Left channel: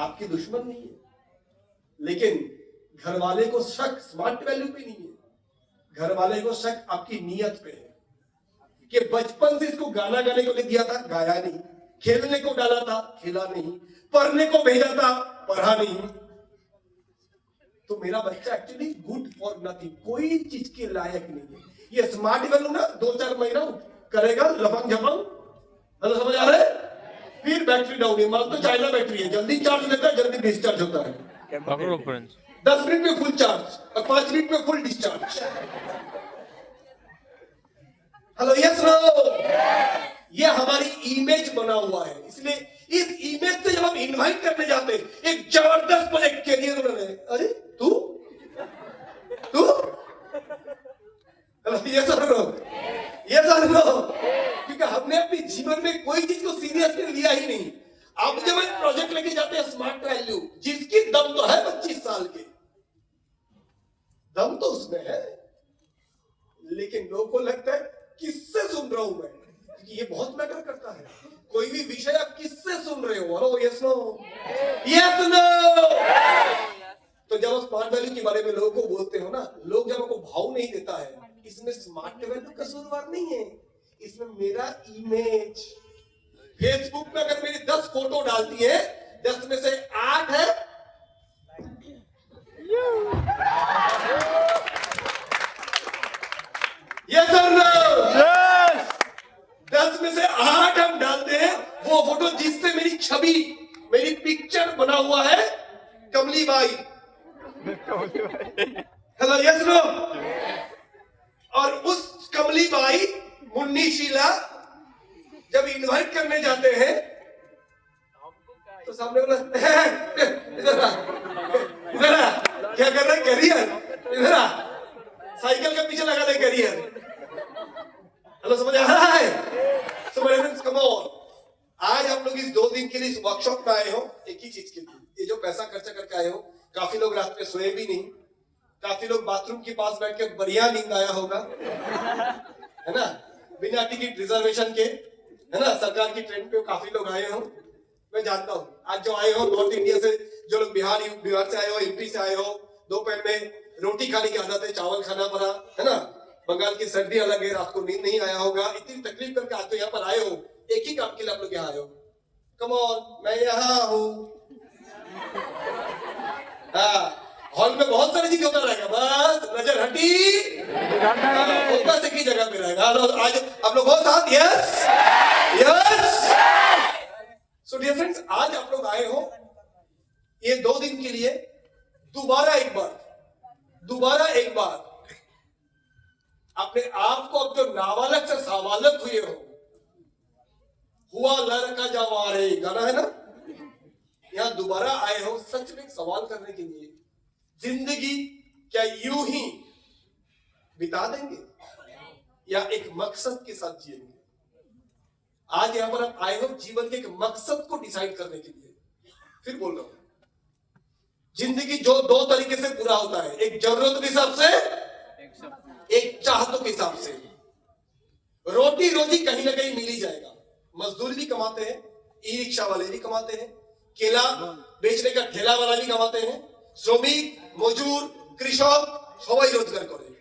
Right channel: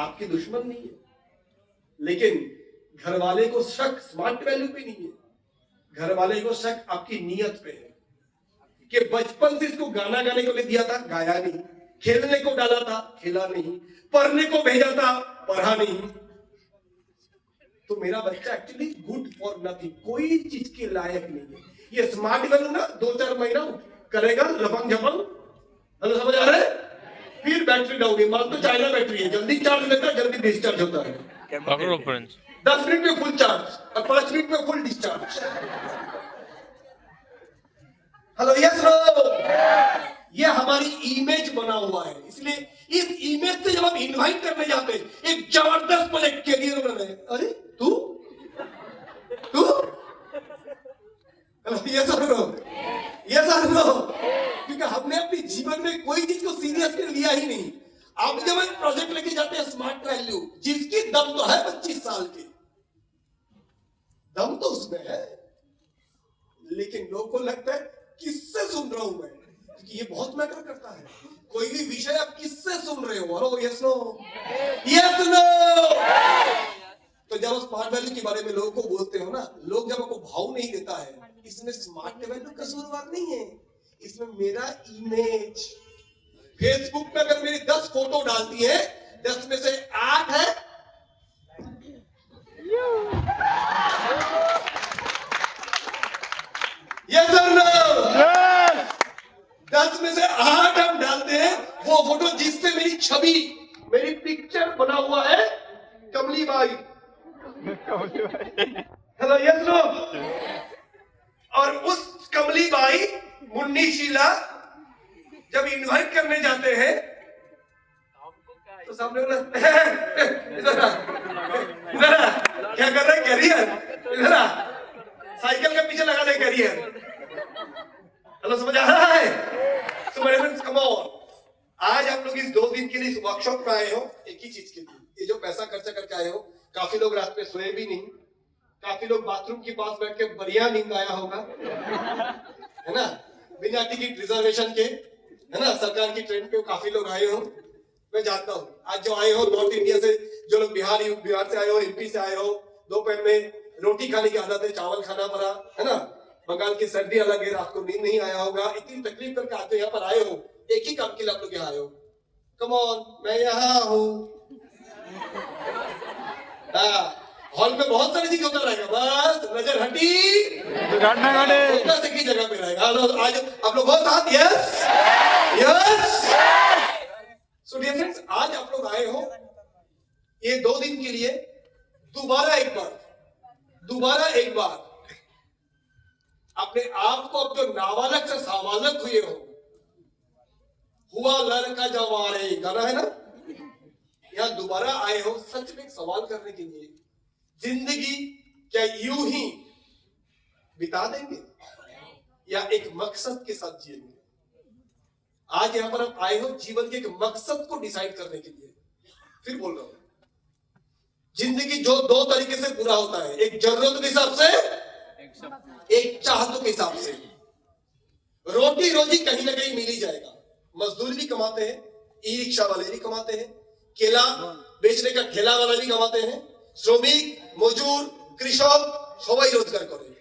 आपकी दुश्मन नहीं है, लेकिन घर वाले को शक स्मार्ट वैल्यू पे नहीं है, घर वाले को शक आपकी नीयत पे है कि बचपन से इसको गाना गाने को ले दिया था, गाया नहीं, खेलने को डाला था, खेला नहीं, पढ़ने को भेजा था, पढ़ा नहीं, तो मेरा बच्चा एक्चुअली गुड फॉर नथिंग, कोई चीज के लायक नहीं है। ये स्मार्ट वैल्यू ना 2-4 महीना करेगा लफंग झपंग, समझ आ रहा है, फिर बैटरी डाउन है, मान तो चाइना बैटरी है, जल्दी चार्ज लेता है, जल्दी डिस्चार्ज होता है, 10 मिनट में फुल चार्ज और 5 मिनट में full discharge. Hello, yes no, ये हमारी इमेज बना हुआ है, इसलिए इस इमेज से जब हम इनवाइट करने जाते हैं एक जबरदस्त प्रोजेक्ट कैरियर बना है, अरे तू तू ये सर नो, ये सर नो, क्योंकि हमने अपने जीवन में कोई चीज को सीरियसली लिया ही नहीं। अब जब हम प्रोजेक्ट लेके जाते हैं स्मार्ट वैल्यू, जिसकी दम तो है 25 साल के, दम तो उसमें है, लेकिन लोगों को लगता है किससे सुन रहा हूं मैं, क्योंकि ये बहुत मैटर करता है। कोई भी विषय आप किससे सुन रहे हो, hello, yes no, yes no. तो जब आप स्मार्ट वैल्यू के बारे में लोगों को बोलते हो ना, लोग जब आपको भाव नहीं देता है, इसमें स्मार्ट वैल्यू कसूरवार नहीं है, इसमें मेरा इमेज। फेसबुक पे अगर मेरी 10 फोटो डालती है, 10 में से 8 है यस और नो, 10 में से 8 हम डालते हैं वो फोटो जिससे मेरी छवि, मेरी पिक्चर बना हुआ है कमली बाई, हेलो, यस नो। और उस कमली बाई, मुन्नी शीला जब इनवाइट करने जाते हैं तो सामने वाला इधर क्या कर रहे हैं, कैरियर, इधर साइकिल के पीछे लगा दे कैरियर, हेलो, समझ आ रहा है। So my friends, come on, आज आप लोग इस 2 दिन के लिए इस वर्कशॉप में आए हो एक ही चीज के लिए, ये जो पैसा खर्चा करके आए हो, काफी लोग रात में सोए भी नहीं, काफी लोग बाथरूम के पास बैठ के बढ़िया नींद आया होगा, है ना, बिना टिकट रिजर्वेशन के, है ना, सरकार की ट्रेन पे काफी लोग आए हो, मैं जानता हूँ। आज जो आए हो नॉर्थ इंडिया से, जो लोग बिहार से आए हो, एमपी से आए हो, दोपहर में रोटी खाने की आदत है, चावल खाना पड़ा, है ना, बंगाल की सर्दी अलग है, रात को नींद नहीं आया होगा, इतनी तकलीफ करके आते हो, यहाँ पर आए हो एक ही काम के लिए, आप लोग यहाँ आए हो, कम ऑन, मैं यहाँ हूँ। हॉल में बहुत सारी चीज होता रहेगा, बस नजर हटी की जगह पे रहेगा। आज आप लोग बहुत साथ, yes yes. So dear friends, आज आप लोग आए हो ये 2 दिन के लिए, दोबारा एक बार अपने आप को, अब जो नाबालग से साबालग हुए हो, हुआ लड़का जवारे गाना है ना, यहां दोबारा आए हो सच में सवाल करने के लिए, जिंदगी क्या यूं ही बिता देंगे या एक मकसद के साथ जिएंगे। आज यहां पर आप आए हो जीवन के एक मकसद को डिसाइड करने के लिए। फिर बोल रहा हूं, जिंदगी जो 2 तरीके से पूरा होता है, एक जरूरत के हिसाब से, एक चाहतों के हिसाब से। रोटी रोजी कहीं ना कहीं मिल ही जाएगा, मजदूर भी कमाते हैं, ई रिक्शा वाले भी कमाते हैं, केला बेचने का ठेला वाला भी कमाते हैं, श्रमिक, मजदूर, कृषक सबाई रोजगार करे,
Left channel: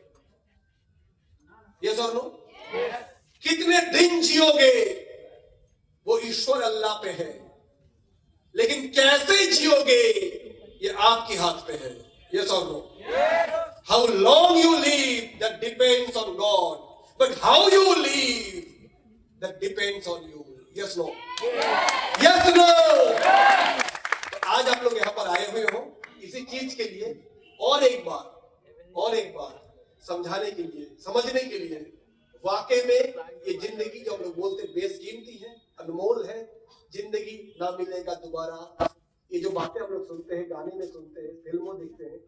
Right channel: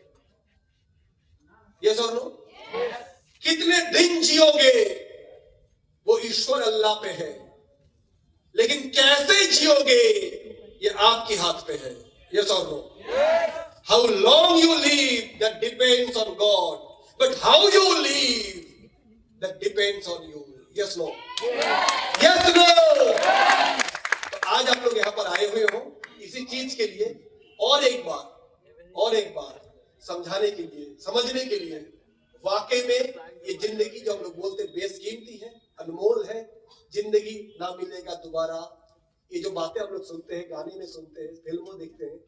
ये सर नो। कितने दिन जियोगे वो ईश्वर अल्लाह पे है, लेकिन कैसे जियोगे ये आपके हाथ पे है, ये sir no. How long you live that depends on God, but how you live that depends on you, yes no, yes no। आज आप लोग यहाँ पर आए हुए हो इसी चीज के लिए, और एक बार समझाने के लिए, समझने के लिए, वाकई में ये जिंदगी जो हम लोग बोलते बेशकीमती है, अनमोल है, जिंदगी ना मिलेगा दोबारा, ये जो बातें हम लोग सुनते हैं, गाने में सुनते हैं, फिल्मों देखते हैं,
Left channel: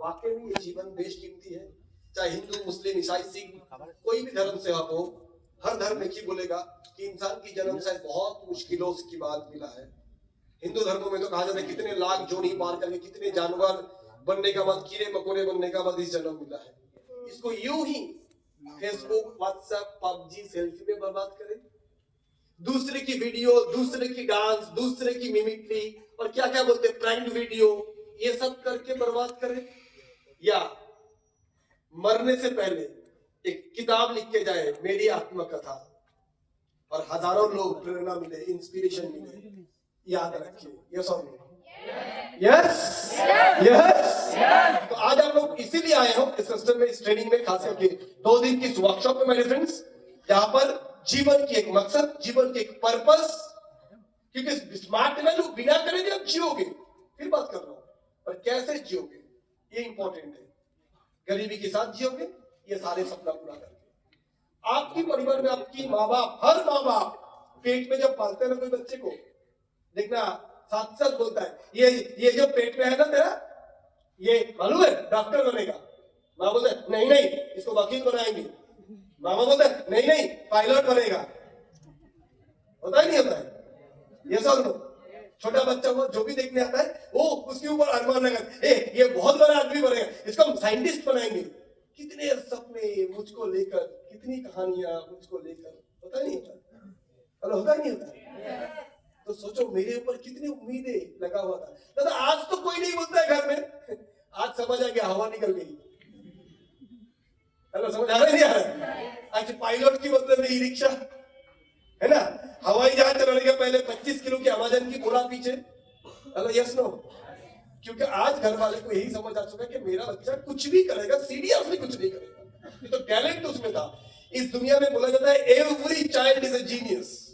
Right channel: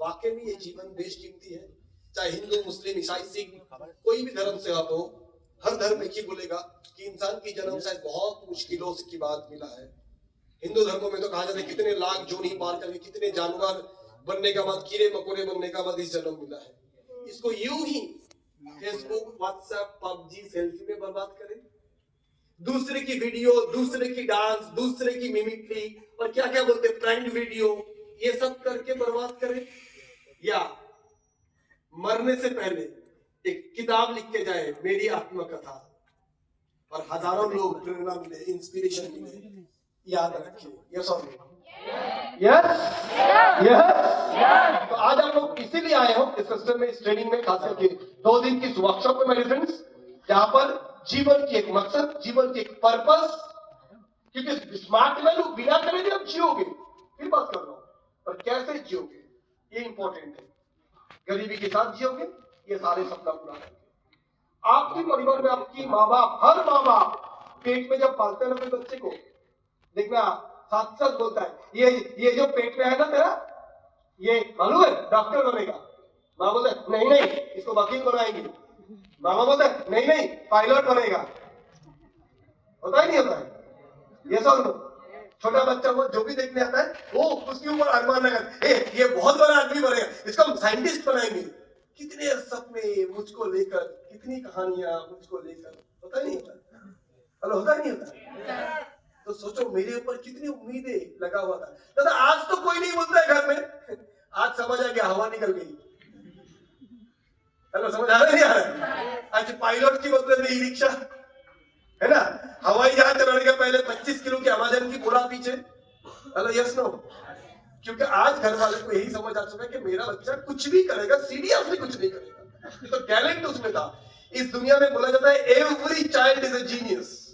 वाकई में ये जीवन बेशकीमती है। चाहे हिंदू, मुस्लिम, ईसाई, सिख, कोई भी धर्म से आप हो, हर धर्म एक ही बोलेगा कि इंसान की जन्म शायद बहुत मुश्किलों की बात मिला है। हिंदू धर्मों में तो कहा जाता है कितने लाख जोड़ी पार करके, कितने जानवर बनने का बाद, कीड़े मकोड़े बनने का बाद इस जन्म मिला है। इसको यूं ही फेसबुक, व्हाट्सएप, पबजी, सेल्फी में बर्बाद करें, दूसरे की वीडियो, दूसरे की डांस, दूसरे की मिमिक्री, और क्या क्या बोलते हैं, प्रैंक वीडियो, ये सब करके बर्बाद करें, या मरने से पहले एक किताब लिख के जाए, मेरी आत्मकथा, और हजारों लोग प्रेरणा मिले, इंस्पिरेशन मिले। याद रखिए, यस और नो? Yes yes. तो आज हम लोग इसीलिए आए हो इस सिस्टम में, इस ट्रेनिंग में, खास करके 2 दिन की वर्कशॉप में मेरे फ्रेंड्स, जहां पर जीवन की एक मकसद, जीवन की एक पर्पस, क्योंकि स्मार्ट वैल्यू बिना करे भी आप जियोगे, फिर बात कर रहा हूं, पर कैसे जियोगे ये इंपॉर्टेंट है। गरीबी के साथ जियोगे, ये सारे सपना पूरा करेंगे। आपकी परिवार में आपकी माँ बाप, हर माँ बाप पेट में जब पालते हैं ना कोई बच्चे को, देखना साथ साथ बोलता है, ये जो पेट में है ना तेरा, ये मालूम है डॉक्टर बनेगा। माँ बोलते है नहीं नहीं इसको वकील बनाएंगे, मामा बोलते है नहीं नहीं पायलट बनेगा। होता ही नहीं होता है, ये सब नो? छोटा बच्चा वो जो भी देखने आता है वो उसके ऊपर अरमान लगा, ये बहुत बड़ा आदमी बनेगा, इसको हम साइंटिस्ट बनाएंगे। कितने सपने मुझको लेकर, कितनी कहानियां मुझको लेकर, होता नहीं होता? हेलो, होता नहीं होता? तो सोचो मेरे ऊपर कितनी उम्मीदें लगा हुआ था। दादा आज तो कोई नहीं बोलता है घर में, आज समझ आ गया हवा निकल गई। हेलो, समझ आ रहा है नहीं आ रहा? आज पायलट की बदले में ई रिक्शा, है ना, हवाई जहाज चलाने के पहले 25 किलो की अमेजन की बोरा पीछे। Hello, yes no? क्योंकि आज घर वाले को यही समझ आ चुका है कि मेरा बच्चा कुछ भी करेगा, सीरियसली कुछ नहीं करेगा, तो टैलेंट उसमें था। इस दुनिया में बोला जाता है every child is a genius,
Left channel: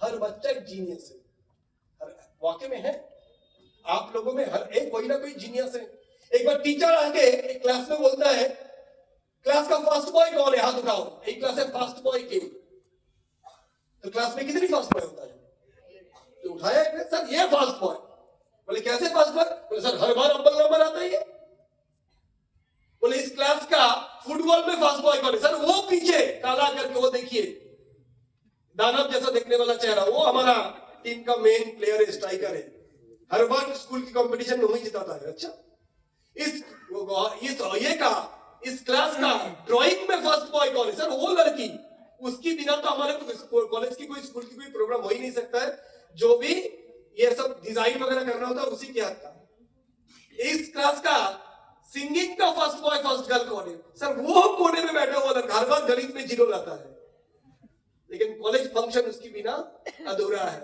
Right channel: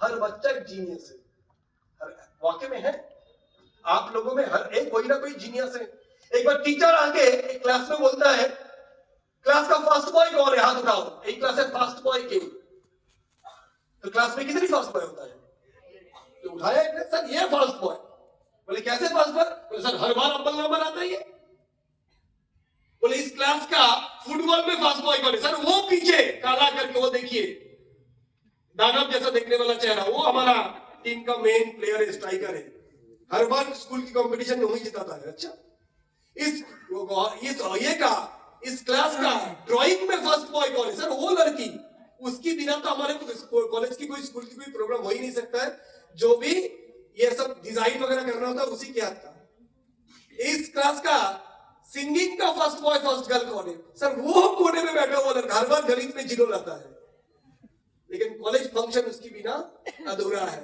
हर बच्चा एक जीनियस है। वाकई में है, आप लोगों में हर एक कोई ना कोई जीनियस है। एक बार टीचर आके एक क्लास में बोलता है, क्लास का फास्ट बॉय कौन है, हाथ उठाओ। एक क्लास है फास्ट बॉय की, तो क्लास में कितनी फास्ट बॉय होता है? तो उठाया एक ने, सर ये फास्ट बॉय। बोले कैसे फास्ट बॉय? बोले सर हर बार अव्वल नंबर आता है ये। बोले इस क्लास का फुटबॉल में फास्ट बॉय कौन है? सर वो पीछे काला करके, वो देखिए दानव जैसा देखने वाला चेहरा, वो हमारा टीम का मेन प्लेयर है, स्ट्राइकर है, हर बार स्कूल की कंपटीशन में वही जिताता है। अच्छा, इस क्लास का ड्राइंग में फर्स्ट बॉय कौन है? सर वो लड़की, उसकी बिना तो हमारे कॉलेज की कोई, स्कूल की कोई प्रोग्राम हो ही नहीं सकता है। जो भी ये सब डिजाइन वगैरह करना होता है उसी के हाथ का। इस क्लास का सिंगिंग का फर्स्ट बॉय फर्स्ट गर्ल कौन है? सर वो कोने में बैठा हुआ लड़का, हर बार गणित में जीरो लाता है, लेकिन कॉलेज फंक्शन उसकी बिना अधूरा है।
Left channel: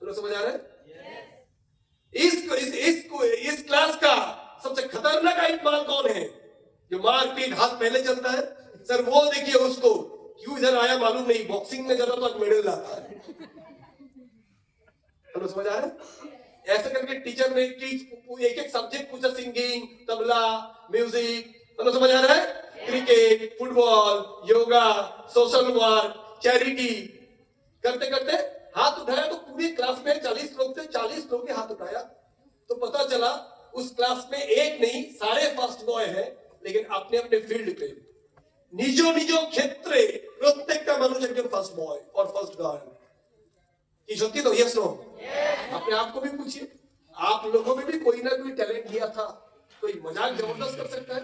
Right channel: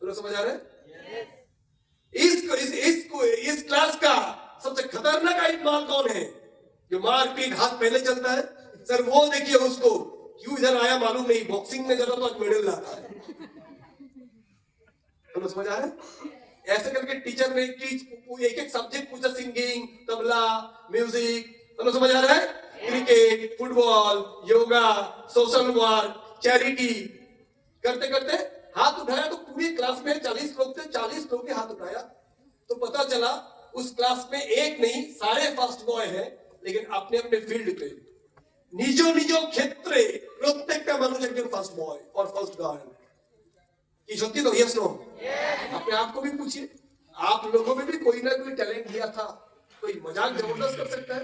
तो समझ आ रहा है? इस क्लास का सबसे खतरनाक आइटमाल कौन है? जो मारपीट, हाथ पहले चलता है। सर वो देखिए उसको, क्यों इधर आया मालूम नहीं, बॉक्सिंग में ज्यादा तो मेडल लाता है। तो समझ आ रहा है? ऐसे करके टीचर ने एक एक सब्जेक्ट पूछा, सिंगिंग, तबला, म्यूजिक, तो समझ आ रहा है? Cricket, football, yoga, social work, charity, करते करते हाथ उठाया तो पूरी क्लास में 40 लोग थे, 40 लोग के हाथ उठाया तो पता चला उस क्लास में एक नहीं सारे फर्स्ट बॉय हैं, लेकिन अपने अपने फील्ड पे निजो निजो क्षेत्रे प्रत्येकটা মানুষ একজন फर्स्ट बॉय और फर्स्ट गर्ल की सत्य तो यस नो? अपने आप को भी पूछिए, आप लोगों में भी कोई ना कोई टैलेंट दिया था। कोई मजाक जबरदस्त कर सकता है,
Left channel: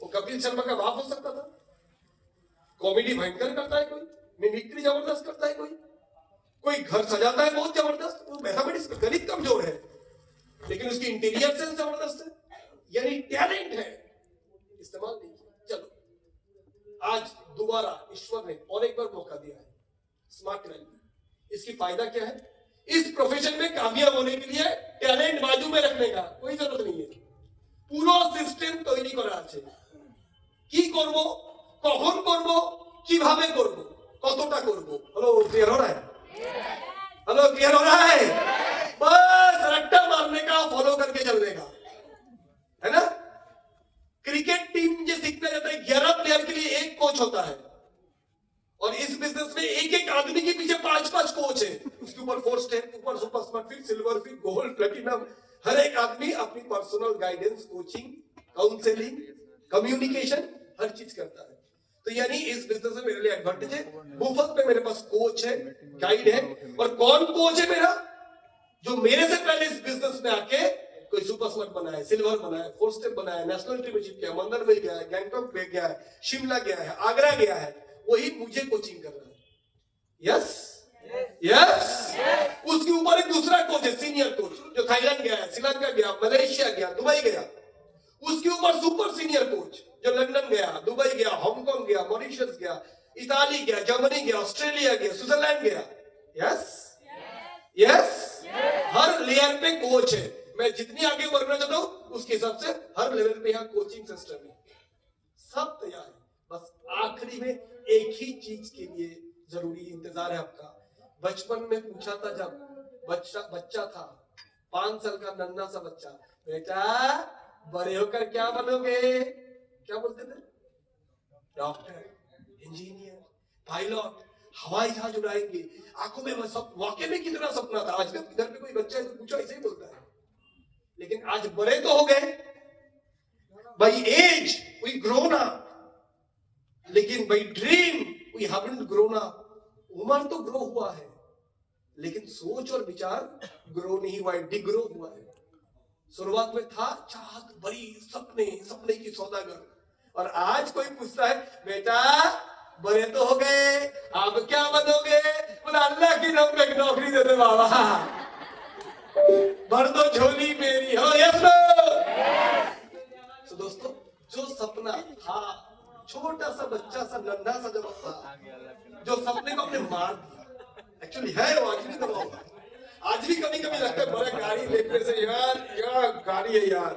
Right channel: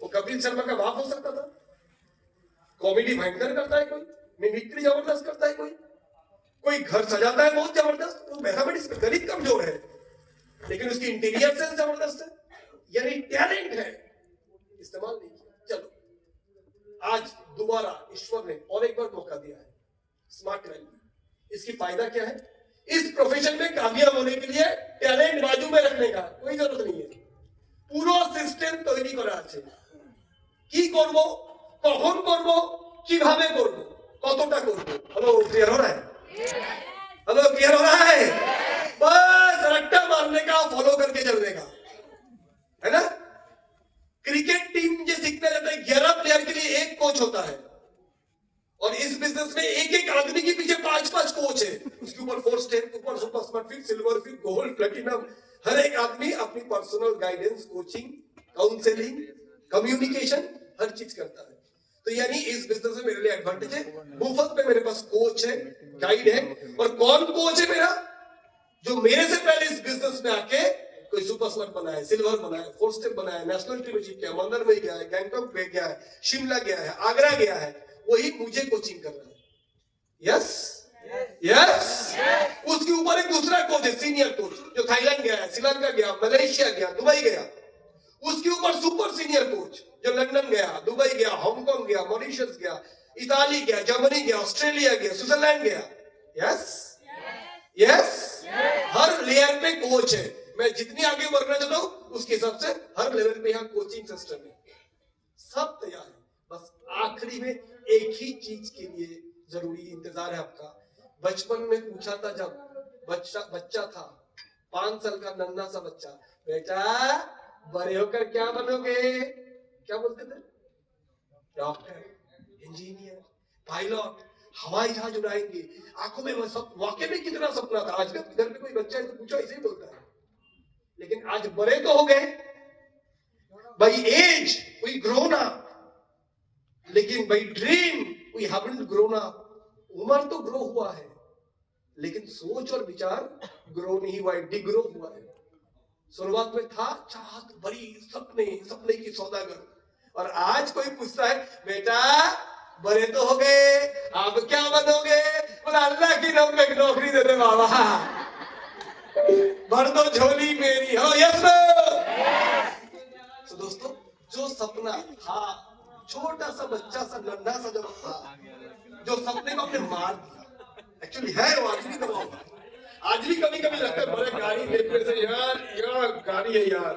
वो कपिल शर्मा का बाप हो सकता था, कॉमेडी भयंकर करता है कोई, मिमिक्री जबरदस्त करता है कोई घर सजाता है बहुत जबरदस्त, वो मैथमेटिक्स में गणित कमजोर है लेकिन उसकी इंटीरियर सेंस जबरदस्त है, यानी टैलेंट है, इस्तेमाल नहीं किया। चलो आज दोबारा ईश्वर ने और एक बार मौका दिया है, स्मार्ट वैल्यू। इसकी फायदा क्या है? इस प्रोफेशन में कामयाब होने के लिए टैलेंट बाजू में रखने का कोई जरूरत नहीं है। पूरा सिस्टेम तैयारी करा আছে, কি করব, কখন করব, কিভাবে করব, কতটা করব। हेलो क्लियर हो रहा है? हेलो क्लियर हो रहा है? बस रट्टा मारने का, फॉलो करके चलने का, है ना? क्रिकेट टीम जो सीखने जाता है 11 प्लेयर के लिए एक कोच होता है, और इस बिजनेस में एक एक आदमी के पीछे 5-5 कोच है, उसके ऊपर 4 स्टेप, ऊपर super smart fit, silver fit, gold, platinum, हर एक आदमी अपनी personal guidance, coaching, counselling, communication हर चीज करता है। तो यानी इस बिजनेस में मेरे लिए एडवांटेज है, मुफ्त में मेरे पास कोच है, गाइड है। और कौन कोच है मेरा? जो मेरे से पहले इस बिजनेस में आके कोई सुपर स्मार्ट बनाया, सिल्वर बनाया, 4 स्टेप बनाया, नेशनल टीम में जीत गया, मंदिर में गया है, गैंगटॉक में गया है, शिमला गया है, आगरा गया है, वही मुझे कोचिंग कर रहा है। यस यस उसके ऊपर एक दूसरा कोच है, सीनियर कोच, जो थाईलैंड गया है, श्रीलंका गया, मलेशिया गया, दुबई गया। उसके ऊपर सुपर सीनियर कोच जो लंदन गया, दुबई गया, हांगकांग गया, मॉरिशस गया, इताली गया, जर्मनी गया, ऑस्ट्रेलिया गया, स्विट्जरलैंड गया। यस यस, हर लेयर पे कोच है। मैं जितनी आगे बढ़ना चाहता हूं उसके हिसाब से हर लेवल पे यहाँ कोचिंग सिस्टम है, सब तैयार है। बस आखिरी में एक ही चीज के लिए जरूरी इंतजार है आपका। बचपन में पूछा था, जब बच्चा था, 5 साल का नन्हा सा बच्चा, बेटा बड़े होकर क्या बनोगे? क्या बोलते थे? डॉक्टर, इंजीनियर, पायलट, हवाई जहाज उड़ाएंगे। आंखों में वाकई में कितना सपना था। आज घर पे कोई बच्चा है तो पूछो, ऐसे ही बोलता है। लेकिन आज बड़े तो हो गए, by age we grown up, लेकिन by dream we haven't grown up. उम्र तो ग्रो हुआ है, लेकिन सोच और विचार ग्रो नहीं हुआ है, डिग्रो हुआ है। शुरुआत में था चाहत बड़ी, सपने की सौदागर, और आज कोई पूछता है, बेटा बड़े तो हो गए, आप क्या बनोगे? बोला अल्लाह की नौकरी दे दे बाबा, भर दो झोली मेरी हो। यस। तो दोस्तों, जो सपना था, छोटा सा बच्चा सा नन्हा सा जब था, जो सपने को अपने मार दिया, एक्चुअली है वो आज भी दबा हुआ। आज भी कभी कभी लगता है बड़े गाड़ी देखने से, यार गाड़ी है यार,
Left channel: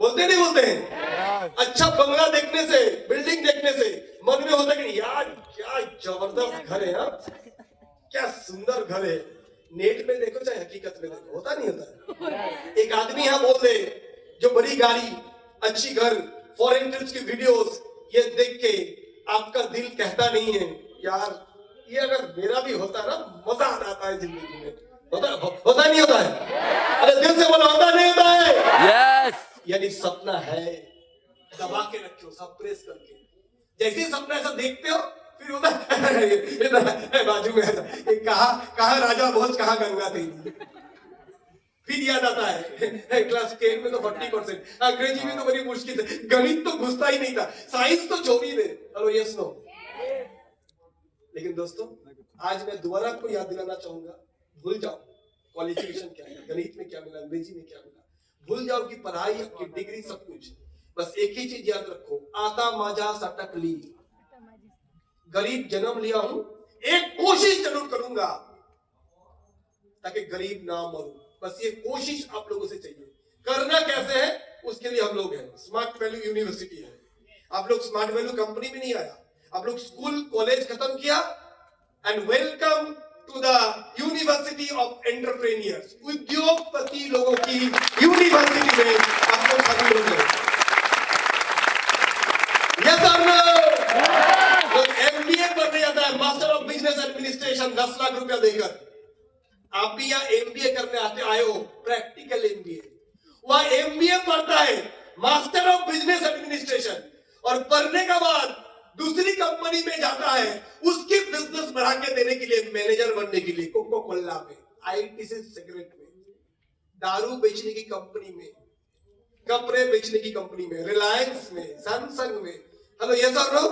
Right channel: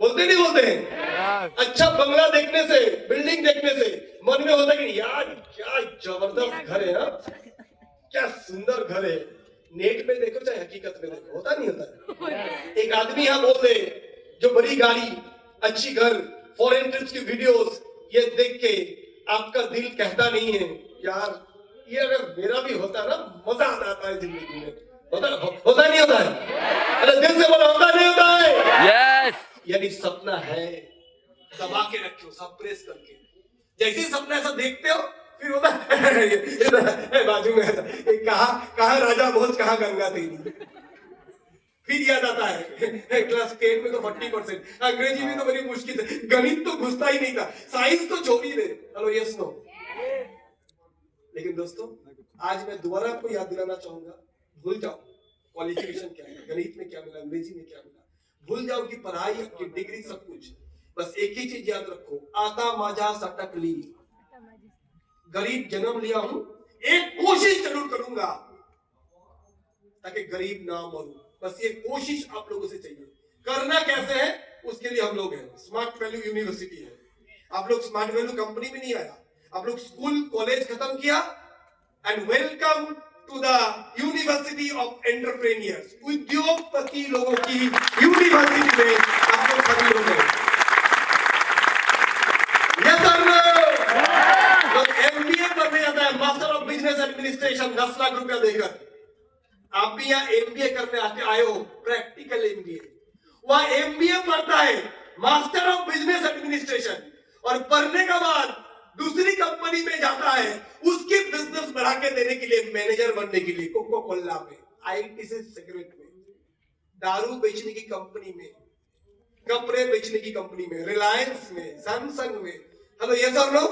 बोलते नहीं बोलते हैं? अच्छा बंगला देखने से, बिल्डिंग देखने से मन में होता है कि यार क्या जबरदस्त घर है, क्या सुंदर घर है। नेट में देखो चाहे हकीकत में देखो, होता नहीं होता है? एक आदमी यहाँ बोल दे, जो बड़ी गाड़ी, अच्छी घर, फॉरेन ट्रिप्स की वीडियोस, ये देख के आपका दिल कहता नहीं है यार ये अगर मेरा भी होता ना, मजा आ जाता है जिंदगी में। होता नहीं होता है? अरे दिल से बोलो, होता नहीं होता है? यस। यानी सपना है, दबा के रखो, सप्रेस करके। जैसे ही सपना ऐसा देखते हो, फिर होता है बाजू में ऐसा, कहा राजा भोज, कहा गंगा तेरी। फिर याद आता है क्लास 10 में तो 40%, अंग्रेजी में तो बड़ी मुश्किल है, गणित तो घुसता ही नहीं था, साइंस तो छोड़ ही दे। Hello yes no. लेकिन दोस्तों, आज मैं दोबारा आपको याद दिलाना चाहूंगा, भूल जाओ क्वालिफिकेशन क्या है, गणित में क्या मिला, अंग्रेजी में क्या मिला, भूल जाओ कि पढ़ाई, आपकी डिग्री, सब कुछ। बस एक ही चीज याद रखो, आता माजा सटक ली, गरीब जन्म लिया हूं, एक कोशिश जरूर करूंगा ताकि गरीब ना मरूं। बस ये कोशिश आप लोगों से चाहिए। करना कैसे है, उसके लिए हम लोग हैं, स्मार्ट वैल्यू यूनिवर्सिटी है। आप लोग स्मार्ट वैल्यू कंपनी में नहीं आया, आप लोग स्कूल कॉलेज खत्म किया, and welcome to the university of entrepreneurs, उद्योगपति लोगों की यूनिवर्सिटी में आप लोग सभी लोग हैं। यस और नो? लोग एमबीए करने जाता है, master of business administration, 10 lakh रुपया देकर। आप भी यहाँ एमबीए करने आए हो, प्रैक्टिकल एमबीए। वहां एमबीए पढ़ता है, मास्टर ऑफ बिजनेस एडमिनिस्ट्रेशन, और पढ़ने के बाद दूसरी कंपनी में जाता है, उसकी बिजनेस बढ़ा के देने के लिए, मैनेजर बनने के लिए, कोको कोला में, आईटी से सिगरेट में, दारू बेचने की कंपनी में, कपड़े बेचने की कंपनी में, रिलायंस में, सैमसंग में। हेलो यस और नो?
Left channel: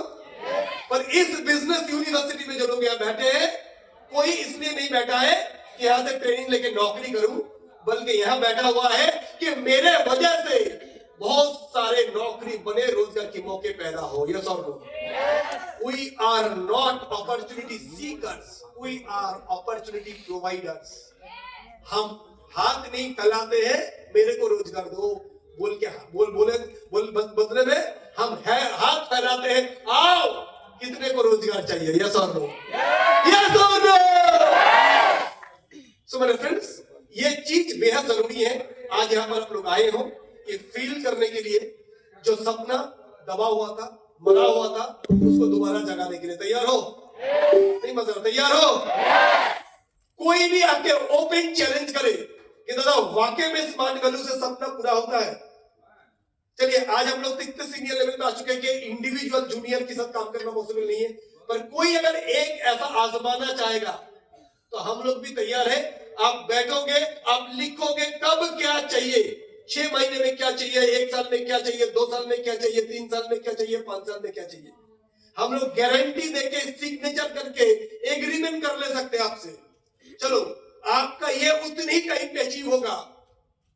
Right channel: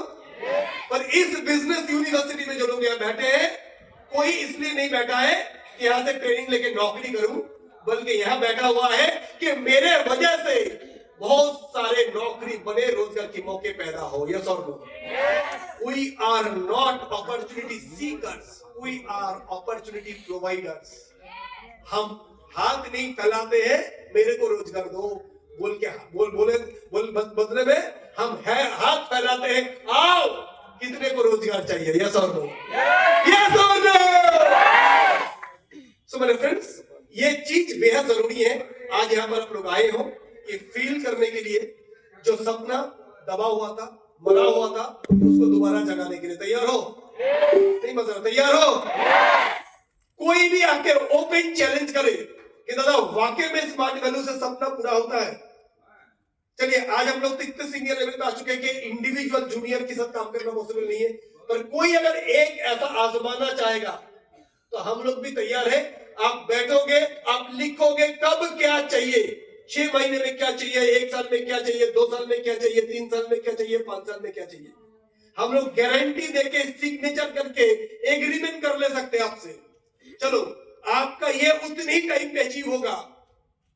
पर इस बिजनेस यूनिवर्सिटी में जो लोग यहाँ बैठे हैं, कोई इसलिए नहीं बैठा है कि यहां से ट्रेनिंग लेके नौकरी करूं, बल्कि यहां बैठा हुआ है कि मेरे वजह से बहुत सारे नौकरी बने, रोजगार के मौके पैदा हो। यस और no? We are not opportunity seekers, we are opportunity providers. हम हाथ नहीं फैलाते हैं मेरे को रोजगार दो बोल के, बदले में हम है हाथ फैलाते हैं, आओ कितने को रोजगार चाहिए। यस और नो? यस और नो? सो मेरे फ्रेंड्स, ये चीज बेहद जरूरी है। आज यहाँ पर आप लोग आए हो कि फील करने के लिए, जो सपना दबा हुआ था, मरा हुआ था, उसको दोबारा जगाने के लिए तैयार हो? नहीं मजा, तैयार हो? कोई भी आके ओपन चैलेंज करे कि दादा वाकई में स्मार्ट वैल्यू से सपना पूरा होता है। चलिए, आज हम लोग तो इतने सीनियर लेवल पे आ चुके हैं कि इंडिविजुअल जूनियर के साथ काम करना पॉसिबल नहीं है, पर कोई अगर एक ऐसा आजमाना चाहेगा तो हम लोग भी तैयार है। आप बैठोगे, आप लिखोगे कब क्या चाहिए, 6 महीने में क्या चाहिए, 1 साल में क्या चाहिए, 2 साल में क्या चाहिए, 3 साल में क्या चाहिए, 5 साल में क्या चाहिए। हम लोग गारंटी देके, सिग्नेचर करके एग्रीमेंट कर ले सकते हैं आपसे चलो आपका ये उतनी टाइम पे अचीव होगा,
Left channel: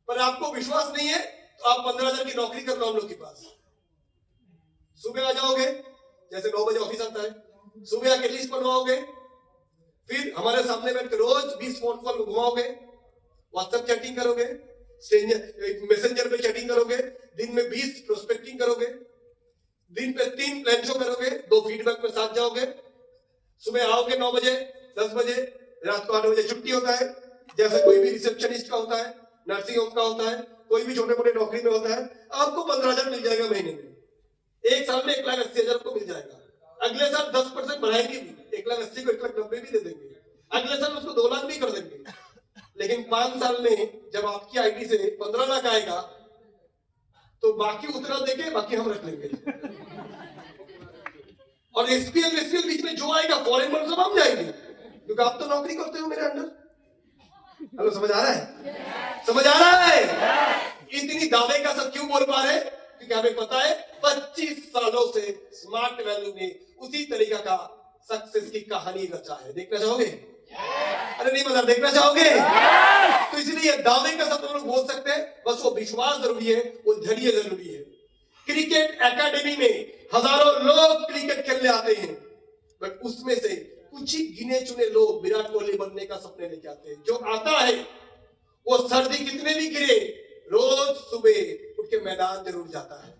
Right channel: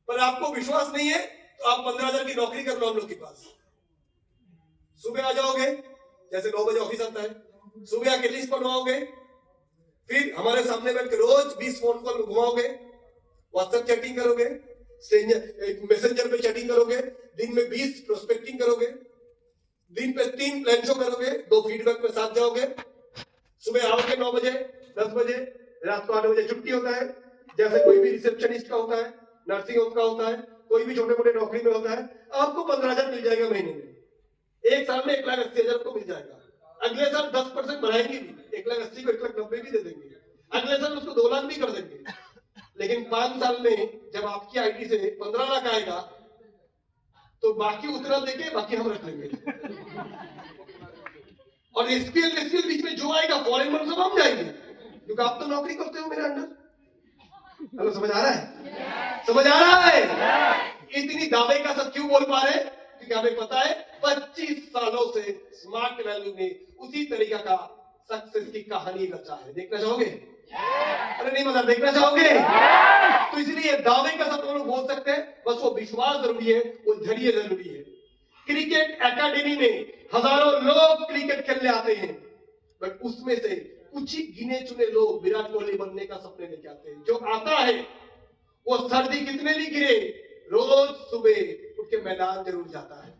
पर आपको विश्वास नहीं है तो आप 15,000 की नौकरी कर लो हम लोग के पास। सुबह आ जाओगे, जैसे 9 बजे ऑफिस आता है, सुबह आके लिस्ट बनवाओगे, फिर हमारे सामने बैठ के रोज 20 फोन कॉल घुमाओगे, व्हाट्सएप चैटिंग करोगे, मैसेंजर पे चैटिंग करोगे, दिन में 20 प्रोस्पेक्टिंग करोगे, दिन पे 3 प्लान शो करोगे, 2 फीडबैक में साथ जाओगे, सुबह आओगे 9 बजे, 10 बजे, रात को 8 बजे छुट्टी होता है, जैसे कोई भी रिसेप्शनिस्ट का होता है, नर्सिंग होम का होता है, कोई भी छोटे मोटे नौकरी में होता है, आपको 15,000 मिल जाएगा महीने में। एक साल में 1,80,000 को मिल जाएगा। अगले साल 10% बढ़ाएंगे भी, 1,80,000 को 1,90,000 भी दे देंगे, अगले साल उसको 2 लाख भी कर देंगे। लेकिन 5 साल में जब आपकी आईडी से 15 लाख आएगा तो बाकी उतना देके बाकी हम रख लेंगे। और एसपीएल बीच में जो आएगा फॉरेन में सब हम जाएंगे, क्योंकि आप तो नौकरी करते हो मेरे अंडर। हेलो, समझ आ रहा है? समझ आ रहा है? इतनी दावे का सब क्यों बोल पा रहे हैं? क्योंकि हमें पता है 25 सालों से स्मार्ट वैल्यू ने उसी तरीका का सक्सेस की कहानी रचा है। देखना चाहोगे? अरे नहीं मतलब देखना चाहोगे? तो इसलिए दावे का सब लोग बोल सकते हैं, बस वो विश्वास जरूरी है, वो धैर्य जरूरी है। क्रिकेट एकेडमी में हजारों लोग क्रिकेट खेलने आते हैं, बट उसमें से कुछ ही गिने चुने लोग विराट कोहली बनने का सपने लेके आते हैं। जो आता है वो सर्दी कितने भी गिरे रोज सुबह उठ के मैदान जरूर जाता है,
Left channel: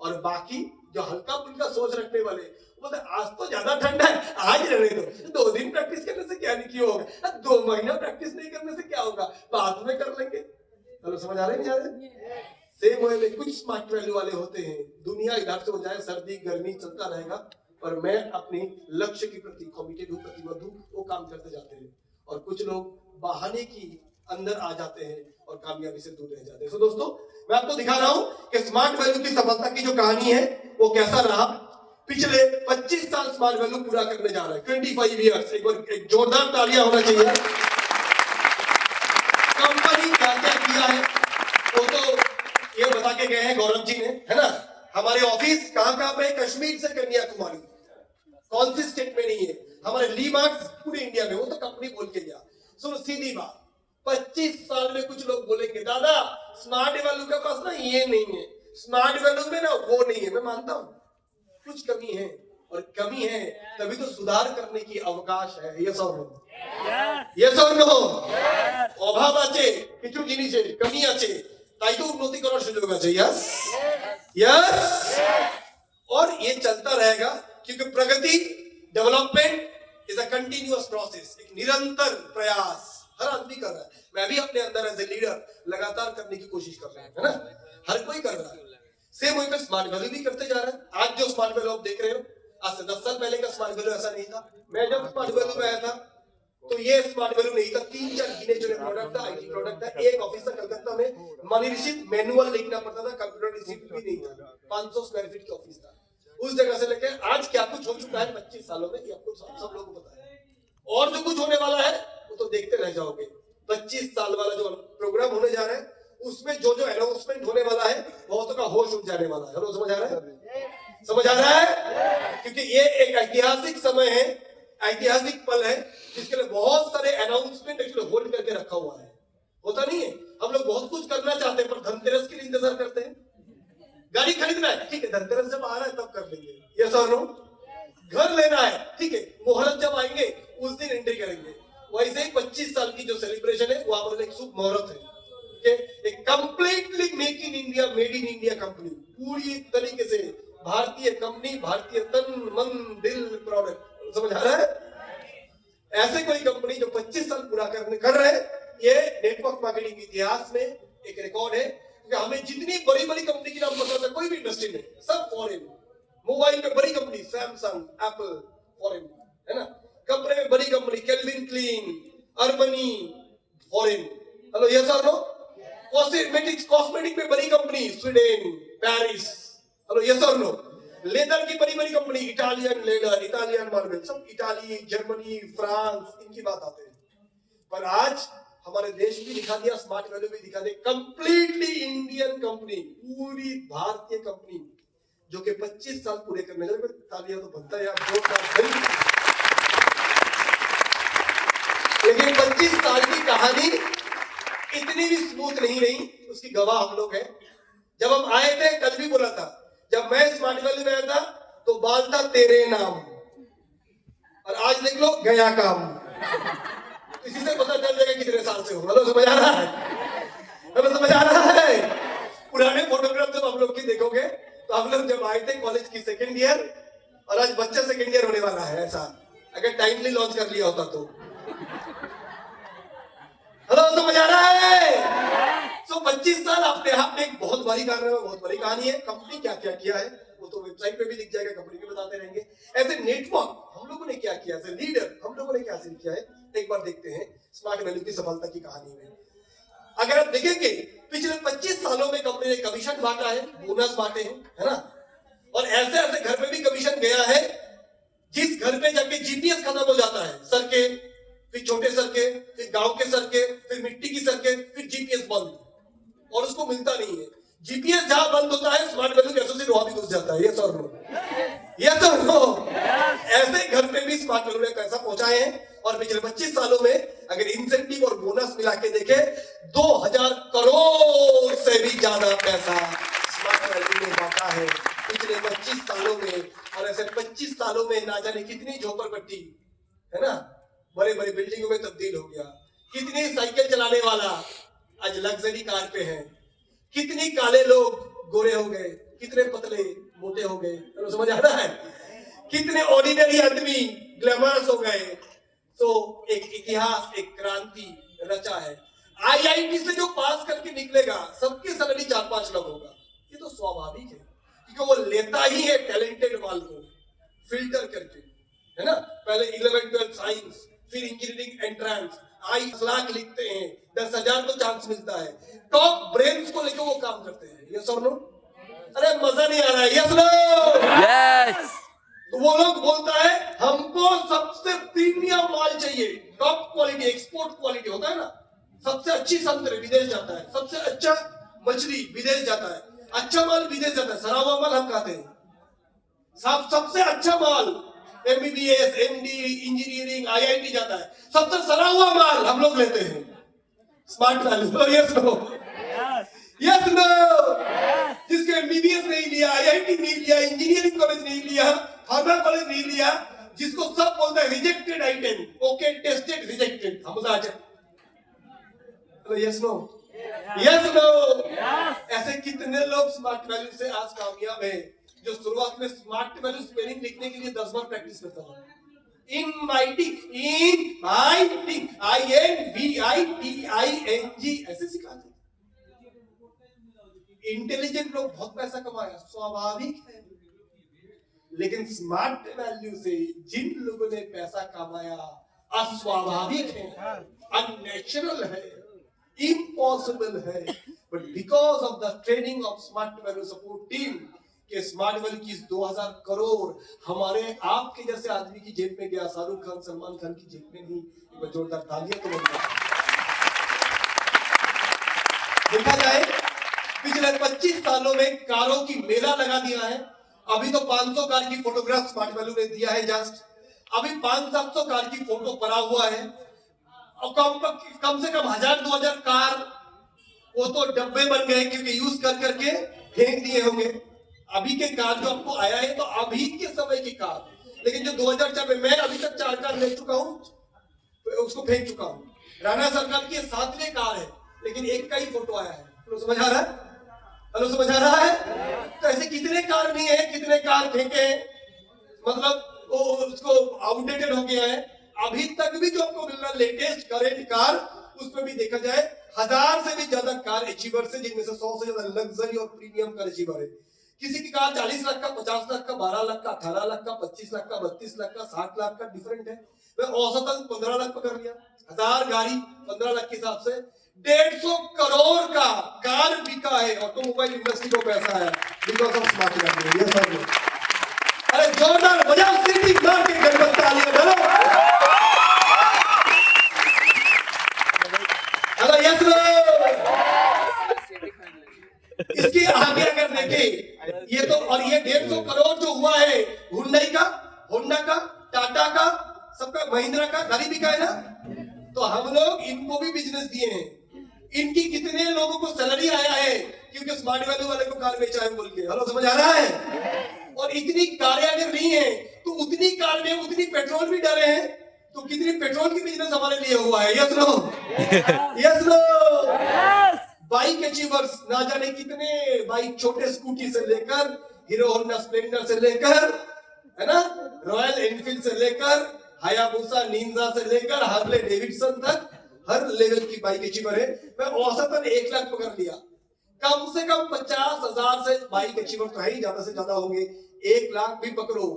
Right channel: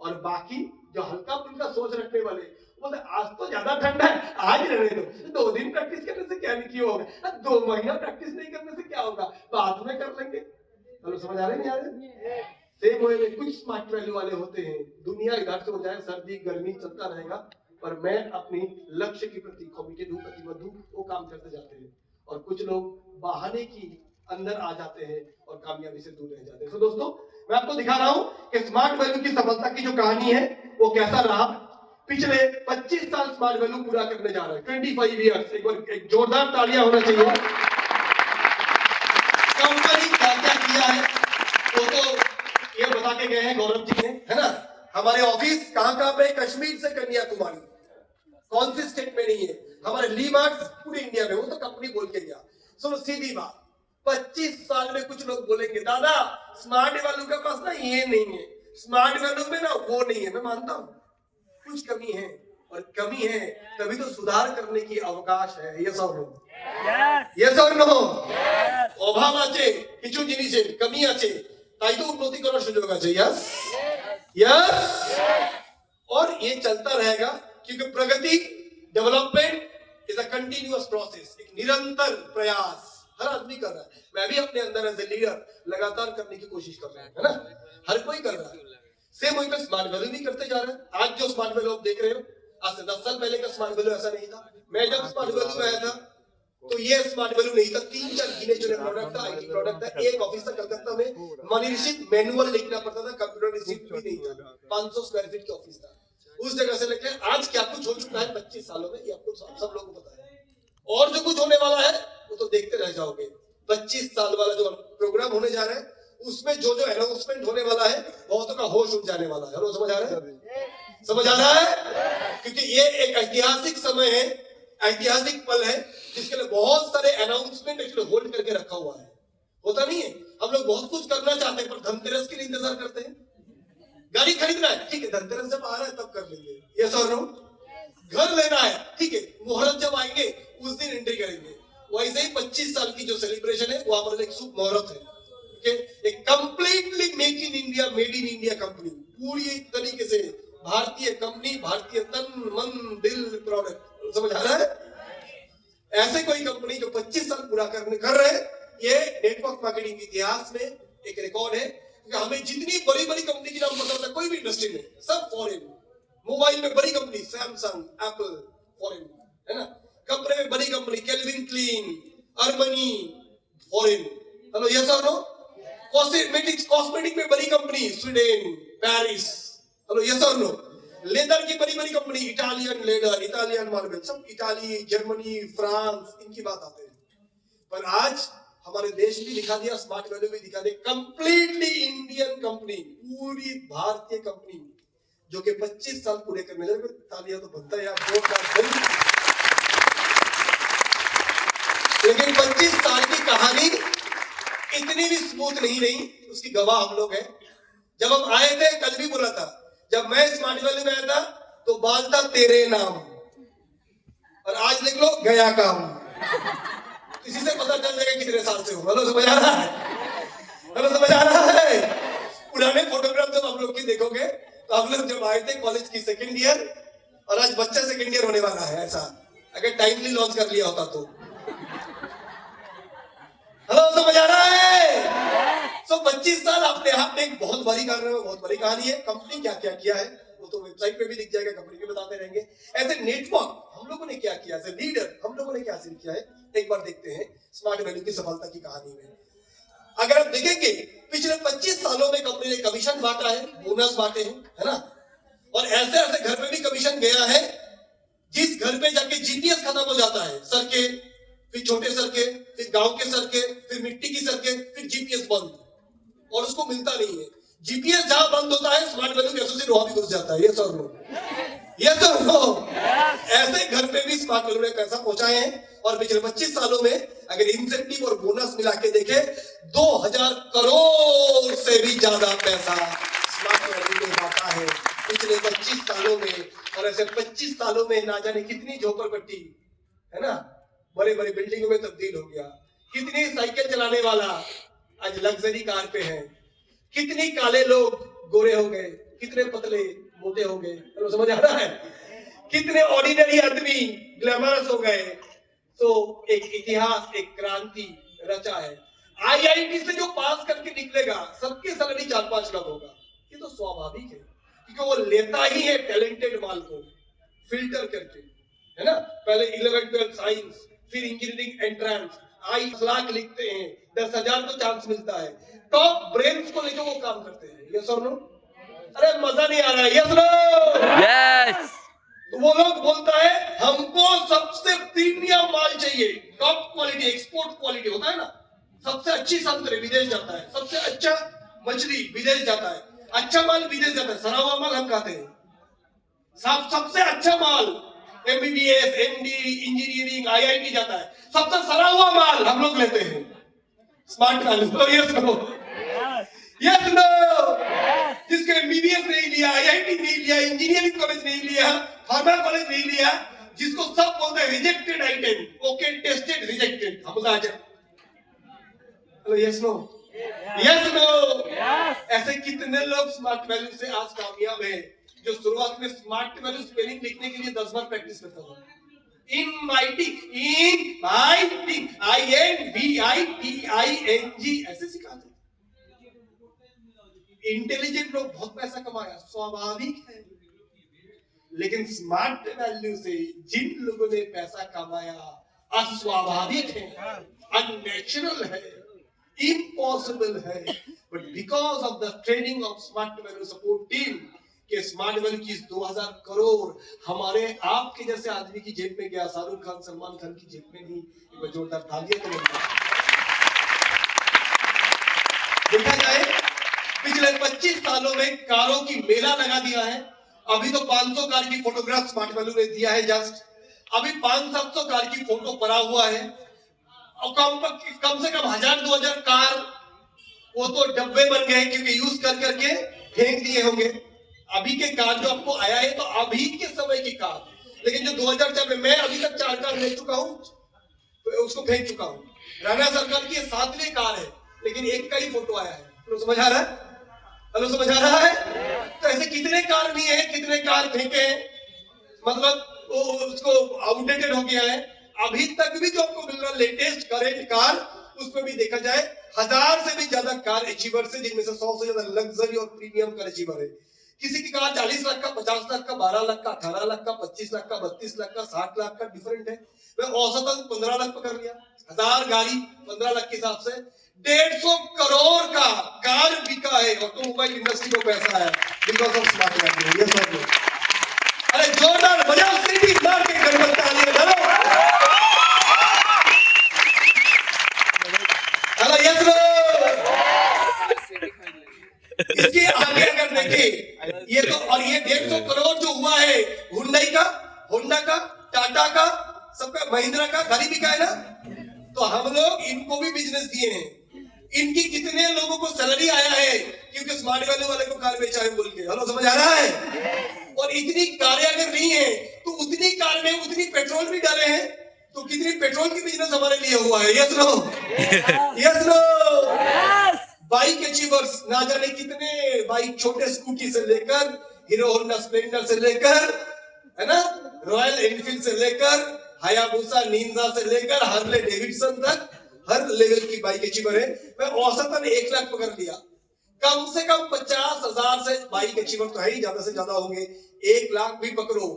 और बाकी जो हल्का फुल्का सोच रखने वाले बोलते आज तो ज्यादा ठंडा है, आज रहने दो, 2 दिन प्रैक्टिस करने से क्या नहीं होगा, 2 महीना प्रैक्टिस नहीं करने से क्या होगा, बाद में कर लेंगे। तो समझ आ रहे नहीं? सेम वे में कुछ स्मार्ट वैल्यू वाले होते हैं, दुनिया इधर से हो जाए, सर्दी गर्मी चलता रहेगा, पर मैं अपनी लक्ष्य के प्रति कमिटेड हूँ, प्रतिबद्ध हूँ, वो काम करते जाते हैं। और कुछ लोग बहाने की अंदर आ जाते हैं और कामयाबी से दूर रह जाते हैं। तो दोस्तों, मैं आपको दिखा रहा हूं कि स्मार्ट वैल्यू की सफलता की जो कहानी है वो कैसा रहा। पिछले 25 साल स्मार्ट वैल्यू पूरा करने जा रहा है, 25 ईयर्स। एक बार एक जोरदार तालियां होना चाहिए। कंपनी क्या क्या किया है वो तो ये बता के गए हैं गौरव जी ने, है ना। हमारे ऑफिस कहां पे? कश्मीर से कन्याकुमारी, कौन सी स्टेट में नहीं है। हमारे लीमार्ट्स पूरे इंडिया में, वो तो कंपनी बोल के गया। सुनो सीधी बात, 25 साल में कुछ लोग बोलेंगे दादा स्मार्ट वैल्यू के पास ना ये नहीं है, स्मार्ट वैल्यू में ना वो नहीं है। मैं मानता हूं कुछ कमी है, और कमी है तभी तो सुधार करने की अवकाश है। यस और नो? यस और नो? অভাব আছে, কিছু জিনিসে কমি আছে, তাই তো উন্নতি করার সুযোগ আছে। Yes yes. और ये चलता रहेगा, क्योंकि प्रगति, development is a continuous process, एक निरंतर प्रयास हर आदमी कर रहा है। मैं भी अपने अंदर एज ए लीडर लगातार करने की कोशिश कर रहा हूं, है ना। हर कोई कर रहा है। सेम वे में स्मार्ट वैल्यू भी करते जा रहे हैं। आज जो स्मार्ट वैल्यू आप देख रहे हो, आज से 10 साल पहले का स्मार्ट वैल्यू ऐसा नहीं था। मैं जब स्मार्ट वैल्यू में आया था तो ये स्मार्ट वैल्यू नहीं था। 3-4 गिने चुने प्रोडक्ट था, आईटी प्रोडक्ट था। एक ऑफिस था कलकत्ता में, मनी रिसीट मैनुअल लिखना पड़ता था, कंप्यूटर रिसीट भी नहीं था। 500 स्क्वायर फीट का ऑफिस था। उस जगह से लेके आज क्या कुछ हो चुका है 25 सालों में, ये आपको सब लोगों को पता है। और जो कुछ होने वाला है वो तो देखते रह जाओगे। 25 साल वाला जो प्रोग्राम होने जा रहा है उसमें जो जो अनाउंसमेंट होने वाला है बहुतों का होश उड़ जाने वाला है। समझ आ रहा है? समझ आ रहा है? क्योंकि ये एक ऐतिहासिक समय है, ऐतिहासिक पल है, जिसके लिए बहुत सारे अनाउंसमेंट इसलिए होल्ड करके रखा हुआ है। होता नहीं है, हम लोग बहुत कुछ करना चाहते हैं पर धनतेरस के लिए इंतजार करते हैं। गाड़ी खरीदना है, ठीक है, धनतेरस जब आ रहा है तब कर लेंगे। यस और नो? घर लेना है, ठीक है, मुहूर्त जब आएंगे उस दिन एंट्री करेंगे। वैसे ही 25 साल की जो सेलिब्रेशन है वो हमारे एक शुभ मुहूर्त है। एक completely make in India, made in India company, पूरी तरीके से भारतीय कंपनी, भारतीय तन मन दिल प्रोडक्ट। समझ आ रहा है? ऐसे कोई कंपनी जो 25 साल पूरा कर रहे हैं, ये नेटवर्क मार्केटिंग इतिहास में एक रिकॉर्ड है। क्योंकि हमें जितनी बड़ी बड़ी कंपनी की नाम पता था, कोई भी इंडस्ट्री में, सब फॉरेन। मोबाइल में बड़ी कंपनी सैमसंग, एप्पल, फॉरेन, है ना। कपड़े में बड़ी company Calvin Klein, Armani, foreign. Hello, yes और नो? कॉस्मेटिक में बड़ी company Sweden, Paris. Hello, yes और नो? लेदर की बड़ी बड़ी company, Italian leather, Italian marble, सब इटाली, जर्मनी, फ्रांस, इनकी बात आते हैं। पर आज हमारे देश भी दिखा दिया, स्मार्ट वैल्यू भी दिखा दिया, कंप्लीटली इंडियन कंपनी, पूरी भारतीय कंपनी, जो कि 25 साल पूरे करने लगे। तालियां तो बनता है यार। लेकिन 25 साल की कहानी इतनी भी स्मूथ नहीं रही, उसकी गवाह हम लोग हैं। जब हम आए थे, कल भी बोला था, जब मैं स्मार्ट वैली में आया था तो बाल था तेरे नाम, और आज लिख लो गया काम। इसी से पता चल जाएगा कितने साल से हो। मतलब समझ आ रहा है? मतलब समझ आ रहा है? पुराने फोटोग्राफ जब हम लोग की देखोगे तो हम लोग जब आए थे कॉलेज की सेकेंड ईयर, और आज बच्चा सेकेंड ईयर होने वाला है, ऐसा अगर टाइमली लॉन्च कर लिया होता तो। हेलो, समझ आ रहा है? तो 25 साल अपने हाथ में एक बहुत बड़ी कारनामा, बहुत बड़ी कहानी है। कंपनी क्या क्या किया है वो तो वेबसाइट पे भी दिख जाएगा, कंपनी भी बताते रहेंगे। एज ए नेटवर्क हम लोगों ने क्या किया, एज ए लीडर हम लोगों ने क्या हासिल किया है, एक बार देखते हैं स्मार्ट वैल्यू की सफलता की कहानी में। अगर आप देखेंगे पिछले 25 सालों में कंपनी ने कमीशन बांटा है, बोनस बांटे हैं, है ना, और ऐसे ऐसे घर पे भी कमीशन गया है जिस घर पे जाके जीपीएस खत्म हो जाता है, सड़के, फिर छोटे सड़के, फिर गांव के सड़के, फिर मिट्टी की सड़के, फिर जीपीएस बंद, और उसको मिलता नहीं है। जीपीएस जहां बंद होता है स्मार्ट वैल्यू के एसोसिएट वहां भी घुस जाता है। ये सर नो, ये सर नो। ऐसे घर पे भी स्मार्ट वैल्यू ने पैसा पहुंचाए हैं, और पिछले 25 सालों में अगर इंसेंटिव और बोनस मिला के देखे 2000 करोड़ से भी ज्यादा पैसा स्मार्ट वैल्यू ने बांटा है पिछले 25 सालों में। और ऐसे 25 सालों में ना जाने कितनी झोपड़पट्टी, है ना, बड़े बड़े बिल्डिंगों में तब्दील हो गया, कितनी साइकिल चलाने वाला आज लग्जरी कार पे है, कितनी काले लोग गोरे हो गए, कितने पतले मोटे हो गए, तो समझ आ रहा है, कितने ऑर्डिनरी आदमी ग्लैमरस हो गए। तो एक इतिहास, एक क्रांति रचा है। आईआईटी से जो पास करके निकलेगा सबके सैलरी 4-5 लाख होगा, ये तो स्वाभाविक है, क्योंकि वो लेता ही है टैलेंटेड माल को फिल्टर करके, है ना। पहले 11-12 साइंस, फिर इंजीनियरिंग एंट्रेंस, 22 लाख लिखते हैं, 10,000 को चांस मिलता है, टॉप ब्रेन्स को लेकर वो काम करते हैं। यस और नो? अरे मजा नहीं आ रहा है? Yes no? यस। तो वो लोग बोलता है हमको सबसे प्रीमियम माल चाहिए, टॉप क्वालिटी, एक्सपोर्ट क्वालिटी होता है ना, सबसे अच्छी संतरे विदेश जाता है, सबसे अच्छा मछली विदेश जाता है, अच्छा माल विदेश जाता है, सड़ा हुआ माल हम खाते हैं। सबसे अच्छा माल एमबीबीएस, एमडी, इंजीनियरिंग, आईआईटी जाता है, सबसे सड़ा हुआ माल हम लोग लेते हैं smart value. Yes no? Yes no? जिसके एमबीबीएस नहीं लिया, आईआईटी नहीं लिया, इंजीनियरिंग कॉलेज नहीं लिया, फार्मा कॉलेज नहीं लिया, जिसको सब बोलते हैं rejected item, okay tested rejected, हम आ जाए। Yes no? Yes no? ऐसे कितने लोग स्मार्ट वैल्यू से आज कामयाब है, जो शुरुआत में स्मार्ट वैल्यू स्पेलिंग लिखने के लिए 10 बार प्रैक्टिस करता था। ऐसे सिखा थे। इंटेलिजेंट लोग बहुत पैसा कमाया, स्वाभाविक है, लेकिन स्मार्ट वैल्यू से जिन लोगों ने पैसा कमाया अस्वाभाविक है, अननेचुरल है, इम्पॉसिबल है, but because of the training of smart value support team के स्मार्ट वैल्यू की 2000 करोड़ हमारे आपके जैसे आदमी की जेब में गया, शाहरुख खान, सलमान खान की जेब में नहीं। एक जोरदार तालियां तो देखा जाए पिछले 25 सालों में कारों की मेला लगा दिया है। अभी तो 500 कार की फोटोग्राफ स्मार्ट वैल्यू ने दिया है जस्ट, अभी 500-700 कार की फोटो पड़ा हुआ है, और कम से कम 1000-2000 कार वो तो डब्बे बन गए क्योंकि यूज कर करके फेंक दिए होंगे। अभी के कार जो आपको आया है तो अभी के समय की कार, लेकिन जो 2004 में, मैं अभी तक 4 कार ले चुका हूं, तो उसको फेंक चुका हूं। राणा सरकार की 7वीं कार है, लेकिन एक का ही फोटो आया है। तो समझ आ रहा है? हेलो, समझ आ रहा है? तो ऐसे कितने कार नहीं है, कितने कार फेंके हैं, मतलब वो उसको आउटडेटेड हो गया है। अभी तक भी जो आपको मिल रहा है लेटेस्ट करेंट कार, उसमें भी देखा जाए 1000 से भी ज्यादा कार अचीवर से, जिनमें से 100 से ज्यादा लग्जरी और प्रीमियम कार अचीवर है। किसी की कार 40 लाख का, 50 लाख का, 12 लाख का, 18 लाख का, 25 लाख का, 32 लाख का, 60 लाख का, डिफरेंट है। मैं औसतन 15 लाख का कर लिया, 1000 गाड़ी 15 लाख के हिसाब से 150 करोड़ का कार बिका है। ऑटोमोबाइल इंडस्ट्री को पैसा है बिकॉज ऑफ स्मार्ट वैल्यू। ये सब लोग अरे जोरदार बजाओ, सीटी मार के गणपति तालियां बजाओ। Hello, yes no? इसके आगे अगर देखें ये तो, और ये 150 करोड़ जो हुआ है हुंडई का, होंडा का, टाटा का, सबका, महिंद्रा का गाड़ी बिका है ना, तो हम लोग इनको भी बिजनेस दिए हैं। इनकी कितने लोगों को सैलरी आया है क्योंकि स्मार्ट वैल्यू वाले को कार बेचा है बोल के। हेलो, समझ आ रहा है? और इतनी कारें अगर नहीं है तो उतनी कार में उतनी पेट्रोल भी डाले हैं, तो कितनी पेट्रोल की बिजनेस हमारे लिए हुआ है। Yes no? Yes no? Big achievers, ना जाने कितने बाइक, छोटे स्कूटी से लेकर हीरो होंडा स्प्लेंडर से लेकर, है ना, रॉयल एनफील्ड से लेकर हायाबुसा निंजा से लेकर हार्ले डेविडसन तक हर लेवल की बाइक अचीवर है। मैं औसतन 1 लाख पकड़ लिया, कम से कम 50,000 से बाइक अचीवर तो है ही, ज्यादा से ज्यादा होंगे। 1 लाख भी पकड़ो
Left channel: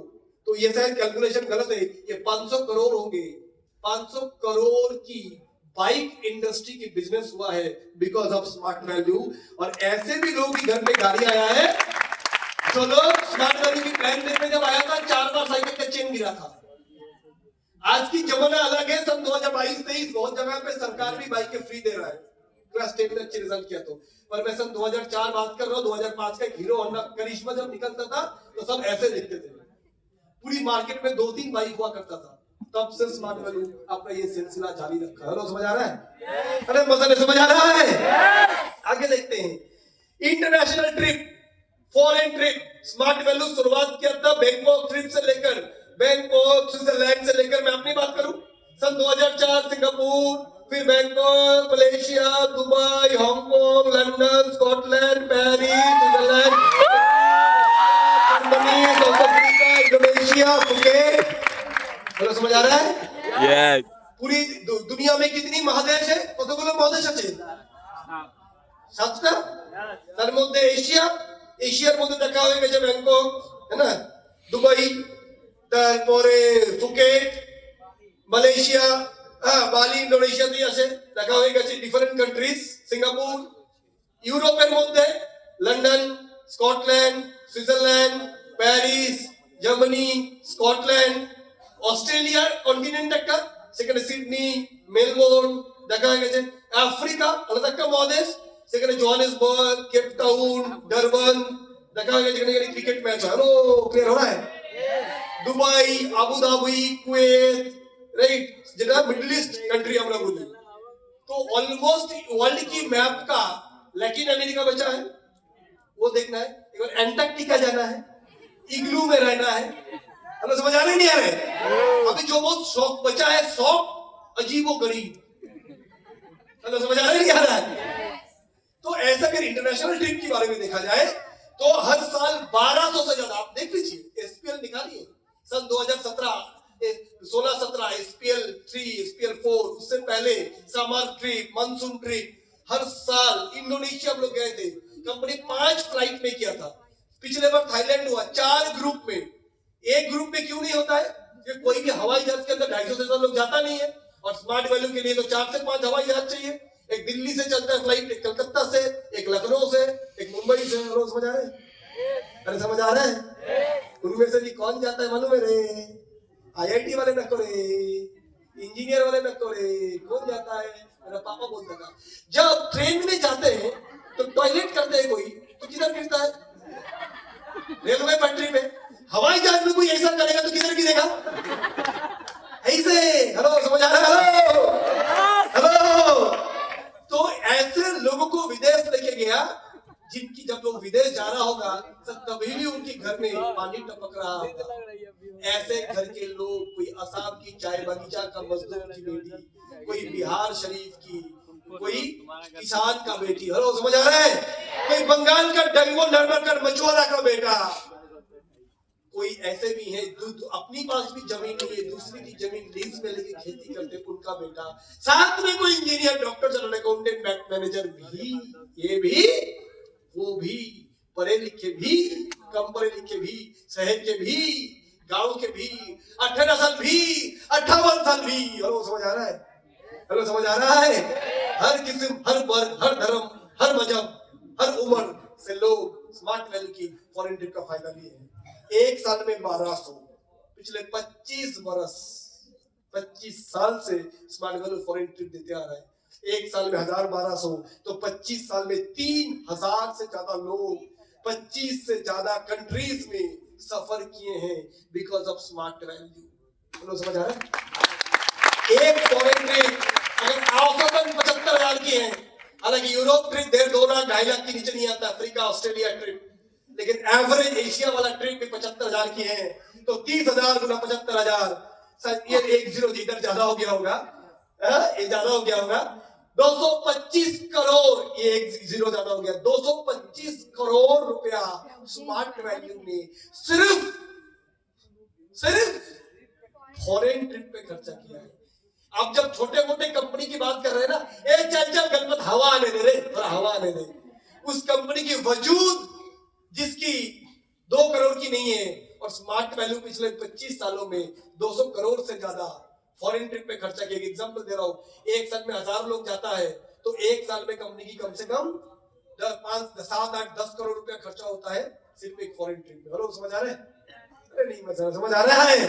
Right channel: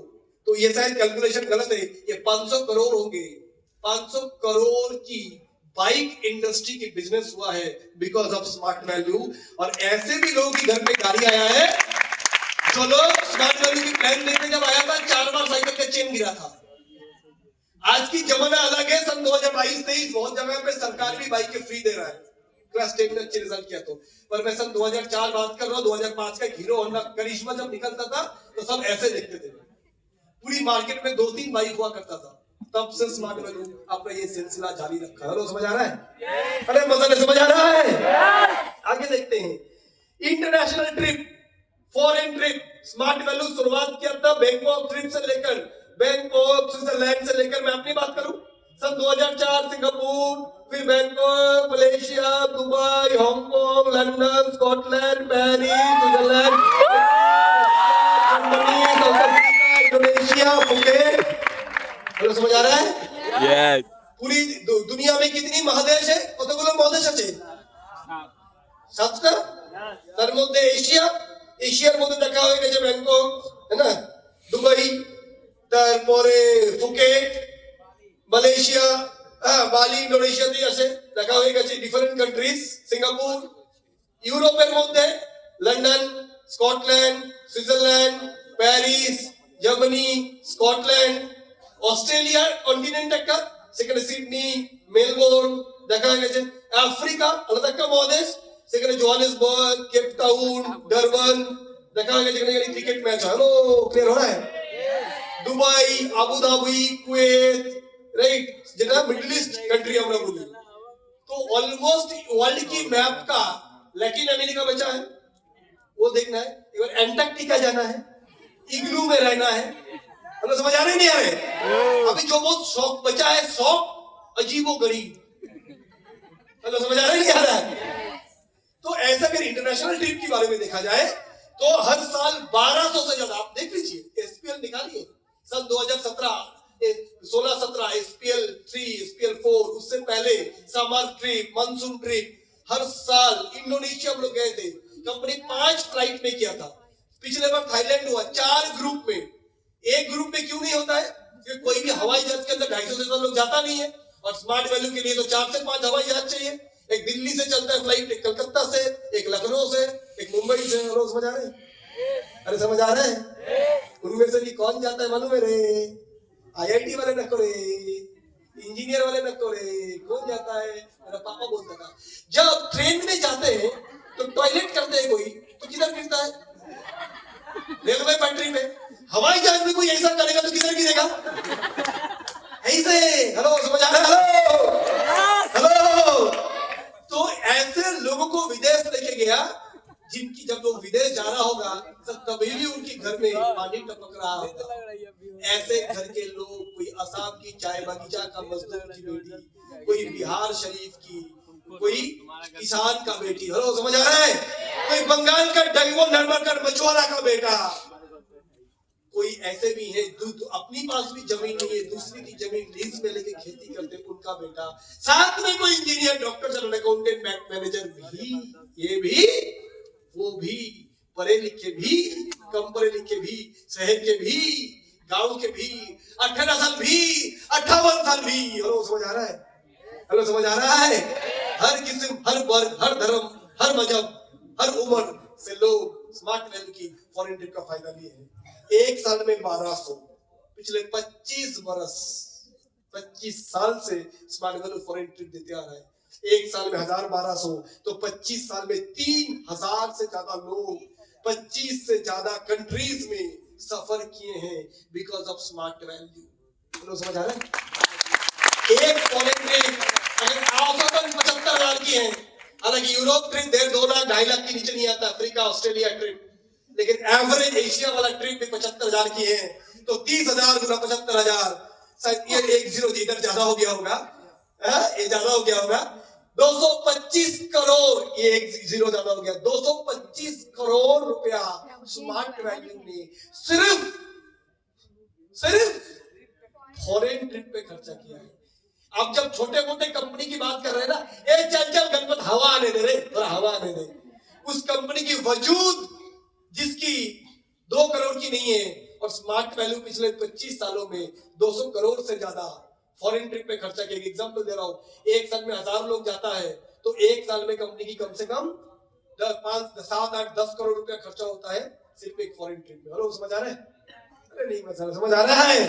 तो ये शायद कैलकुलेशन गलत है, ये 500 करोड़ होंगे। 500 करोड़ की बाइक इंडस्ट्री की बिजनेस हुआ है बिकॉज ऑफ स्मार्ट वैल्यू। और ऐसे भी लोगों के घर पे गाड़ी आया है जो लोग स्मार्ट वैल्यू की प्लान लेते जब आया था 4 बार साइकिल का चेन गिरा था। आज की जमाना अलग है। सन 2022-23 बहुत जगह पे सरकार भी बाइक के फ्री दे रहा है, क्लास 10 में अच्छे रिजल्ट किया तो। पर मैं सन 2004 बात कर रहा हूँ, 2005 का हीरो होंडा करिश्मा जब निकलता था तो सब ऐसे लिखते थे। पूरी मार्केट में 2-3 बाइक हुआ करता था। तब से स्मार्ट वैल्यू अपना ये सिलसिला जारी रखा है। समझ आ रहा है? अरे मजा नहीं समझ आ रहा है? आगे देखते हैं। International trip, foreign trip, smart value शुरुआत किया था बैंकॉक ट्रिप से लेकर, बैंकॉक स्विट्जरलैंड से लेकर मैं अपनी बात करूं, सन 2004 सिंगापुर, फिर Bangkok, Malaysia, Dubai, Hong Kong, London, Scotland, Paris, Switzerland, Indonesia, Phuket. Hello, समझ आ रहा है? यस। पूरी दुनिया में कितनी महादेश है? কতগুলো মহাদেশ আছে? 7টা। তার মধ্যে এশিয়ার মধ্যে দেখা হয়ে গেছে ব্যাংকক, है ना, দুবাই, তারপরে ফুকেট, মালয়েশিয়া, বালি, ইন্দোনেশিয়াতে আছে দেখা হয়ে গেছে, ডিফারেন্ট কান্ট্রিজ, সিঙ্গাপুর। ইউরোপের মধ্যে London, Scotland, Switzerland, Paris, Germany, Scotland. অস্ট্রেলিয়ার কন্টিনেন্ট একটা, সেখানে সিডনি, মেলবোর্ন দেখা হয়ে গেছে। আফ্রিকা আলাদা একটা মহাদেশ, সেখানে জোহানেসবার্গ, কেপ টাউন, ডারবান দেখা হয়ে গেছে, যেখানে ক্রিকেট ম্যাচ হয়। ও ক্লিয়ার हो रहा है? Dubai, Abu Dhabi, Kuwait, right, যেটা মিডল ইস্ট कंट्री আমরা বলি। तो ऑलमोस्ट वर्ल्ड की मैप का लैटिन अमेरिका बचा है, वो देखना है। एक बार एंटार्क्टिका जाना है, इग्लू में रहना है। मतलब समझ आ रही नहीं आ रहे? अभी जो वो शौक बचा है, शौक अजीबो गरीब। मतलब समझ आ रहा नहीं आ रहा है? तो ऐसा अगर इंटरनेशनल ट्रिप के बारे में देखा जाए तो हर साल 1200 से ज्यादा, आप देख लीजिए, एसपीएल निकालिए, सन 2017 16-17 एसपीएल 3, एसपीएल 4, उससे पहले समर ट्रिप, मानसून ट्रिप, हर साल। इंडोनेशिया हम लोग गए थे, कंपनी 5 फ्लाइट में किया था। पिछले बार थाईलैंड हुआ 4 ग्रुप में। एक ग्रुप में क्यों नहीं होता है? कि कोई भी हवाई जहाज के अंदर 250 से ज्यादा लोग जाता नहीं है, और स्मार्ट वैल्यू के लिए तो 4 से 5 हवाई जहाज चाहिए। एक दिल्ली से चलता है फ्लाइट, एक कलकत्ता से, एक लखनऊ से, एक मुंबई से। रोज समझ आ रहे हैं? अरे समझ आ रहा है? उनमें से भी कौन जाता है मालूम है रे? आईआईटी वाले नको रे, इंजीनियर वाले नको रे। कौन जाता है? मेरा पापा बोलता था, जब ट्रेन में जाते हैं तो टॉयलेट करते हैं कोई, तो किधर गिरता है? रेलवे कंट्री में। हवाई जहाज में कोई ऐसा करेगा तो किधर गिरेगा? ऐसे। हेलो, समझ आ रहा है? हेलो। तो ऐसे लोगों को विदेश लेके गया, जिनकी जब लोग विदेश जा रहा होगा तभी भी उनके घर में पानी टपक रहा होगा। ऐसे घर के लोग, कोई असम की चाय बगीचा का मजदूर की बेटी, कोई बिहार शरीफ की, कोई किसान का बेटी। हेलो, समझ आ रहा है? कोई बंगाल का डंगो नंबर मछुआरा का बेटा। कोई ऐसे भी है अपनी पास भी जमीन नहीं है, दूसरी की जमीन लीज पे लेके खेती करते, उनका बेटा। साथ में कोई engineer, doctor, chartered accountant, bank manager भी, ये भी, वो भी, पढ़े लिखे भी, कम पढ़े लिखे भी, शहर के भी, गांव के भी, 18 साल भी, 58 साल भी। हेलो, समझ आ रहा है? हेलो, समझ आ रहा है? हर किस्म, हर वर्ग, हर धर्म, हर मजहब, हर उम्र से लोग स्मार्ट वैल्यू की फॉरेन ट्रिप का फायदा लिए हैं। एक साल में 1200, पिछले 25 बरस, 25 साल से स्मार्ट वैल्यू फॉरेन ट्रिप देते आ रहा है। एक साल में 1000-1200, तो 25 साल में 3000 से ज्यादा लोग 25 से ज्यादा कंट्रीज में सफर किए हैं बिकॉज ऑफ स्मार्ट वैल्यू। समझ आ रहा है? एक फॉरेन ट्रिप औसतन 75,000 की है। हालांकि यूरोप ट्रिप 1.5 2 लाख 2.5 लाख के नीचे नहीं आता, अफ्रीका ऑस्ट्रेलिया ट्रिप, लेकिन एवरेज एशिया वाला ट्रिप भी 75,000 की है। तो 30,000 गुना 75,000, शायद ये 1 जीरो इधर ज्यादा हो गया होगा, ये ज्यादा हो गया होगा। 225 करोड़, ये 1 जीरो ज्यादा हो गया, 225 करोड़ रुपया स्मार्ट वैल्यू में सिर्फ फॉरेन ट्रिप पे खर्चा किया है। अब जब छोटे मोटे कंपनी की बात कर रहे हैं ना, ए चल चल गणपत हवा आने दे रे, थोड़ा हवा आने दे। उस कंपनी की वजूद जिसकी 2 करोड़ की नहीं है, और स्मार्ट वैल्यू पिछले 25 सालों में 200 करोड़ से ज्यादा फॉरेन ट्रिप पे खर्चा किया। एग्जाम्पल दे रहा हूं, एक साल में 1000 लोग जाता है, तो एक साल में कंपनी की कम से कम 5 7 8 10 करोड़ रुपया खर्चा होता है सिर्फ एक फॉरेन ट्रिप में। और समझ आ रहा है? नहीं समझ आ रहा है?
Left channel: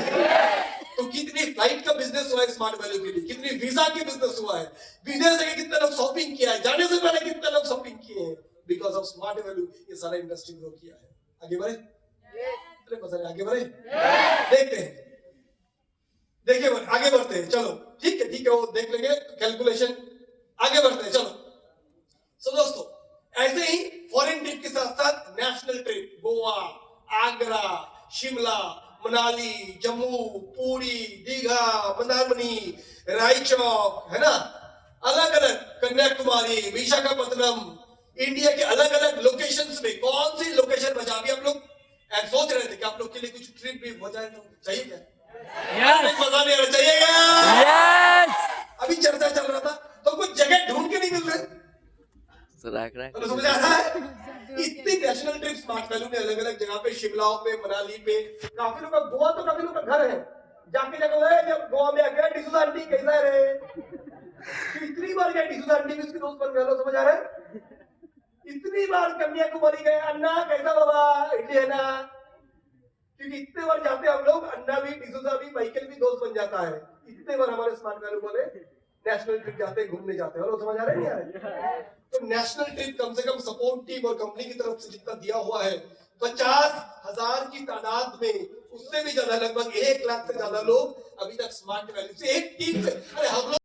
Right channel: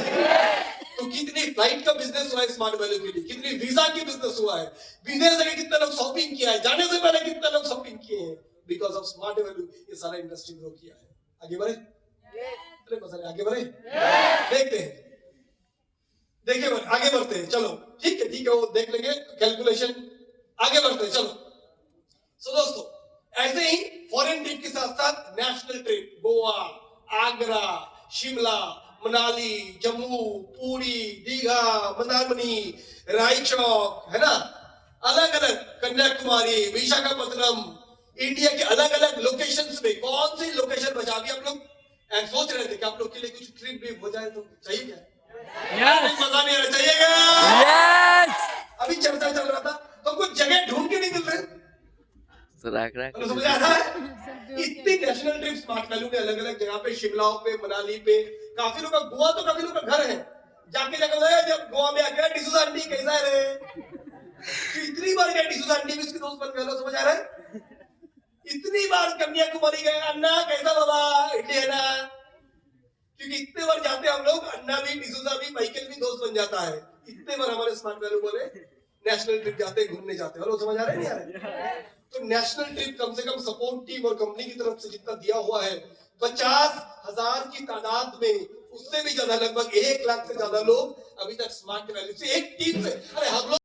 तो कितनी फ्लाइट का बिजनेस हुआ है स्मार्ट वैल्यू के लिए, कितनी वीजा की बिजनेस हुआ है, विदेश से कितने लोग शॉपिंग किया है, जाने से पहले कितने लोग शॉपिंग किए हैं, बिकॉज ऑफ स्मार्ट वैल्यू। ये सारा इंडस्ट्री ग्रो किया है। आगे बढ़े, आगे बढ़े, देखते हैं, देखिए आगे बढ़ते हैं। चलो ठीक है, वो देख लेंगे कैलकुलेशन। आगे बढ़ते हैं, चलो। सो दोस्तों, ऐसे ही फॉरेन ट्रिप के साथ साथ नेशनल ट्रिप, गोवा, आगरा, शिमला, मनाली, जम्मू, पुरी, दीघा, मंदारमनी, रायचौक, है ना, अलग अलग, कन्याकुमारी, विशाखापत्तनम, इंडिया के अलग अलग लोकेशंस पे कौन सी लोकेशन बचा। अभी आप लोग सोच रहे थे कि आप लोग के लिए कुछ ट्रिप भी हो जाए तो चाहिए क्या? Yes. मजा नहीं आना चाहिए। Yes. अभी चर्चा चल रहा था, तो कुछ जगह ढूंढ के नहीं मिल रहे। तो समझ आ रहा है? इतनी नेशनल ट्रिप स्मार्ट वैल्यू में अलग अलग जगह पे, शिमला पे, मनाली पे, काफी लोग, गोवा तो काफी लोग का घर है, जाके जब गोवा में आके डिसूजा आंटी कैसा है रे, इतनी बार गए डिसूजा आंटी भी, उसके दोस्त बन गए। समझ आ रहा है? इतनी बार कन्याकुमारी गए, अन्ना कैसा बाबा, इडली है ना, क्योंकि इतने बार जाते हम लोग, अन्ना भी, डिसूजा भी, माइकल भी दोस्त बन जाता है। इतने बार हमारे स्मार्ट वैल्यू वाले नेशनल ट्रिप जाते, घूमने जाते हैं। और समझ आ रहा है नहीं आ रहा है? तो नेशनल ट्रिप कम से कम सपोर्ट टीम और कंपनी की तरफ से जितना दिया हुआ है, 50,000 की तादाद में, उससे भी ज्यादा, लगभग 1 लाख से ज्यादा लोग अभी तक स्मार्ट वैल्यू से एक टीम से, अरे हम लोग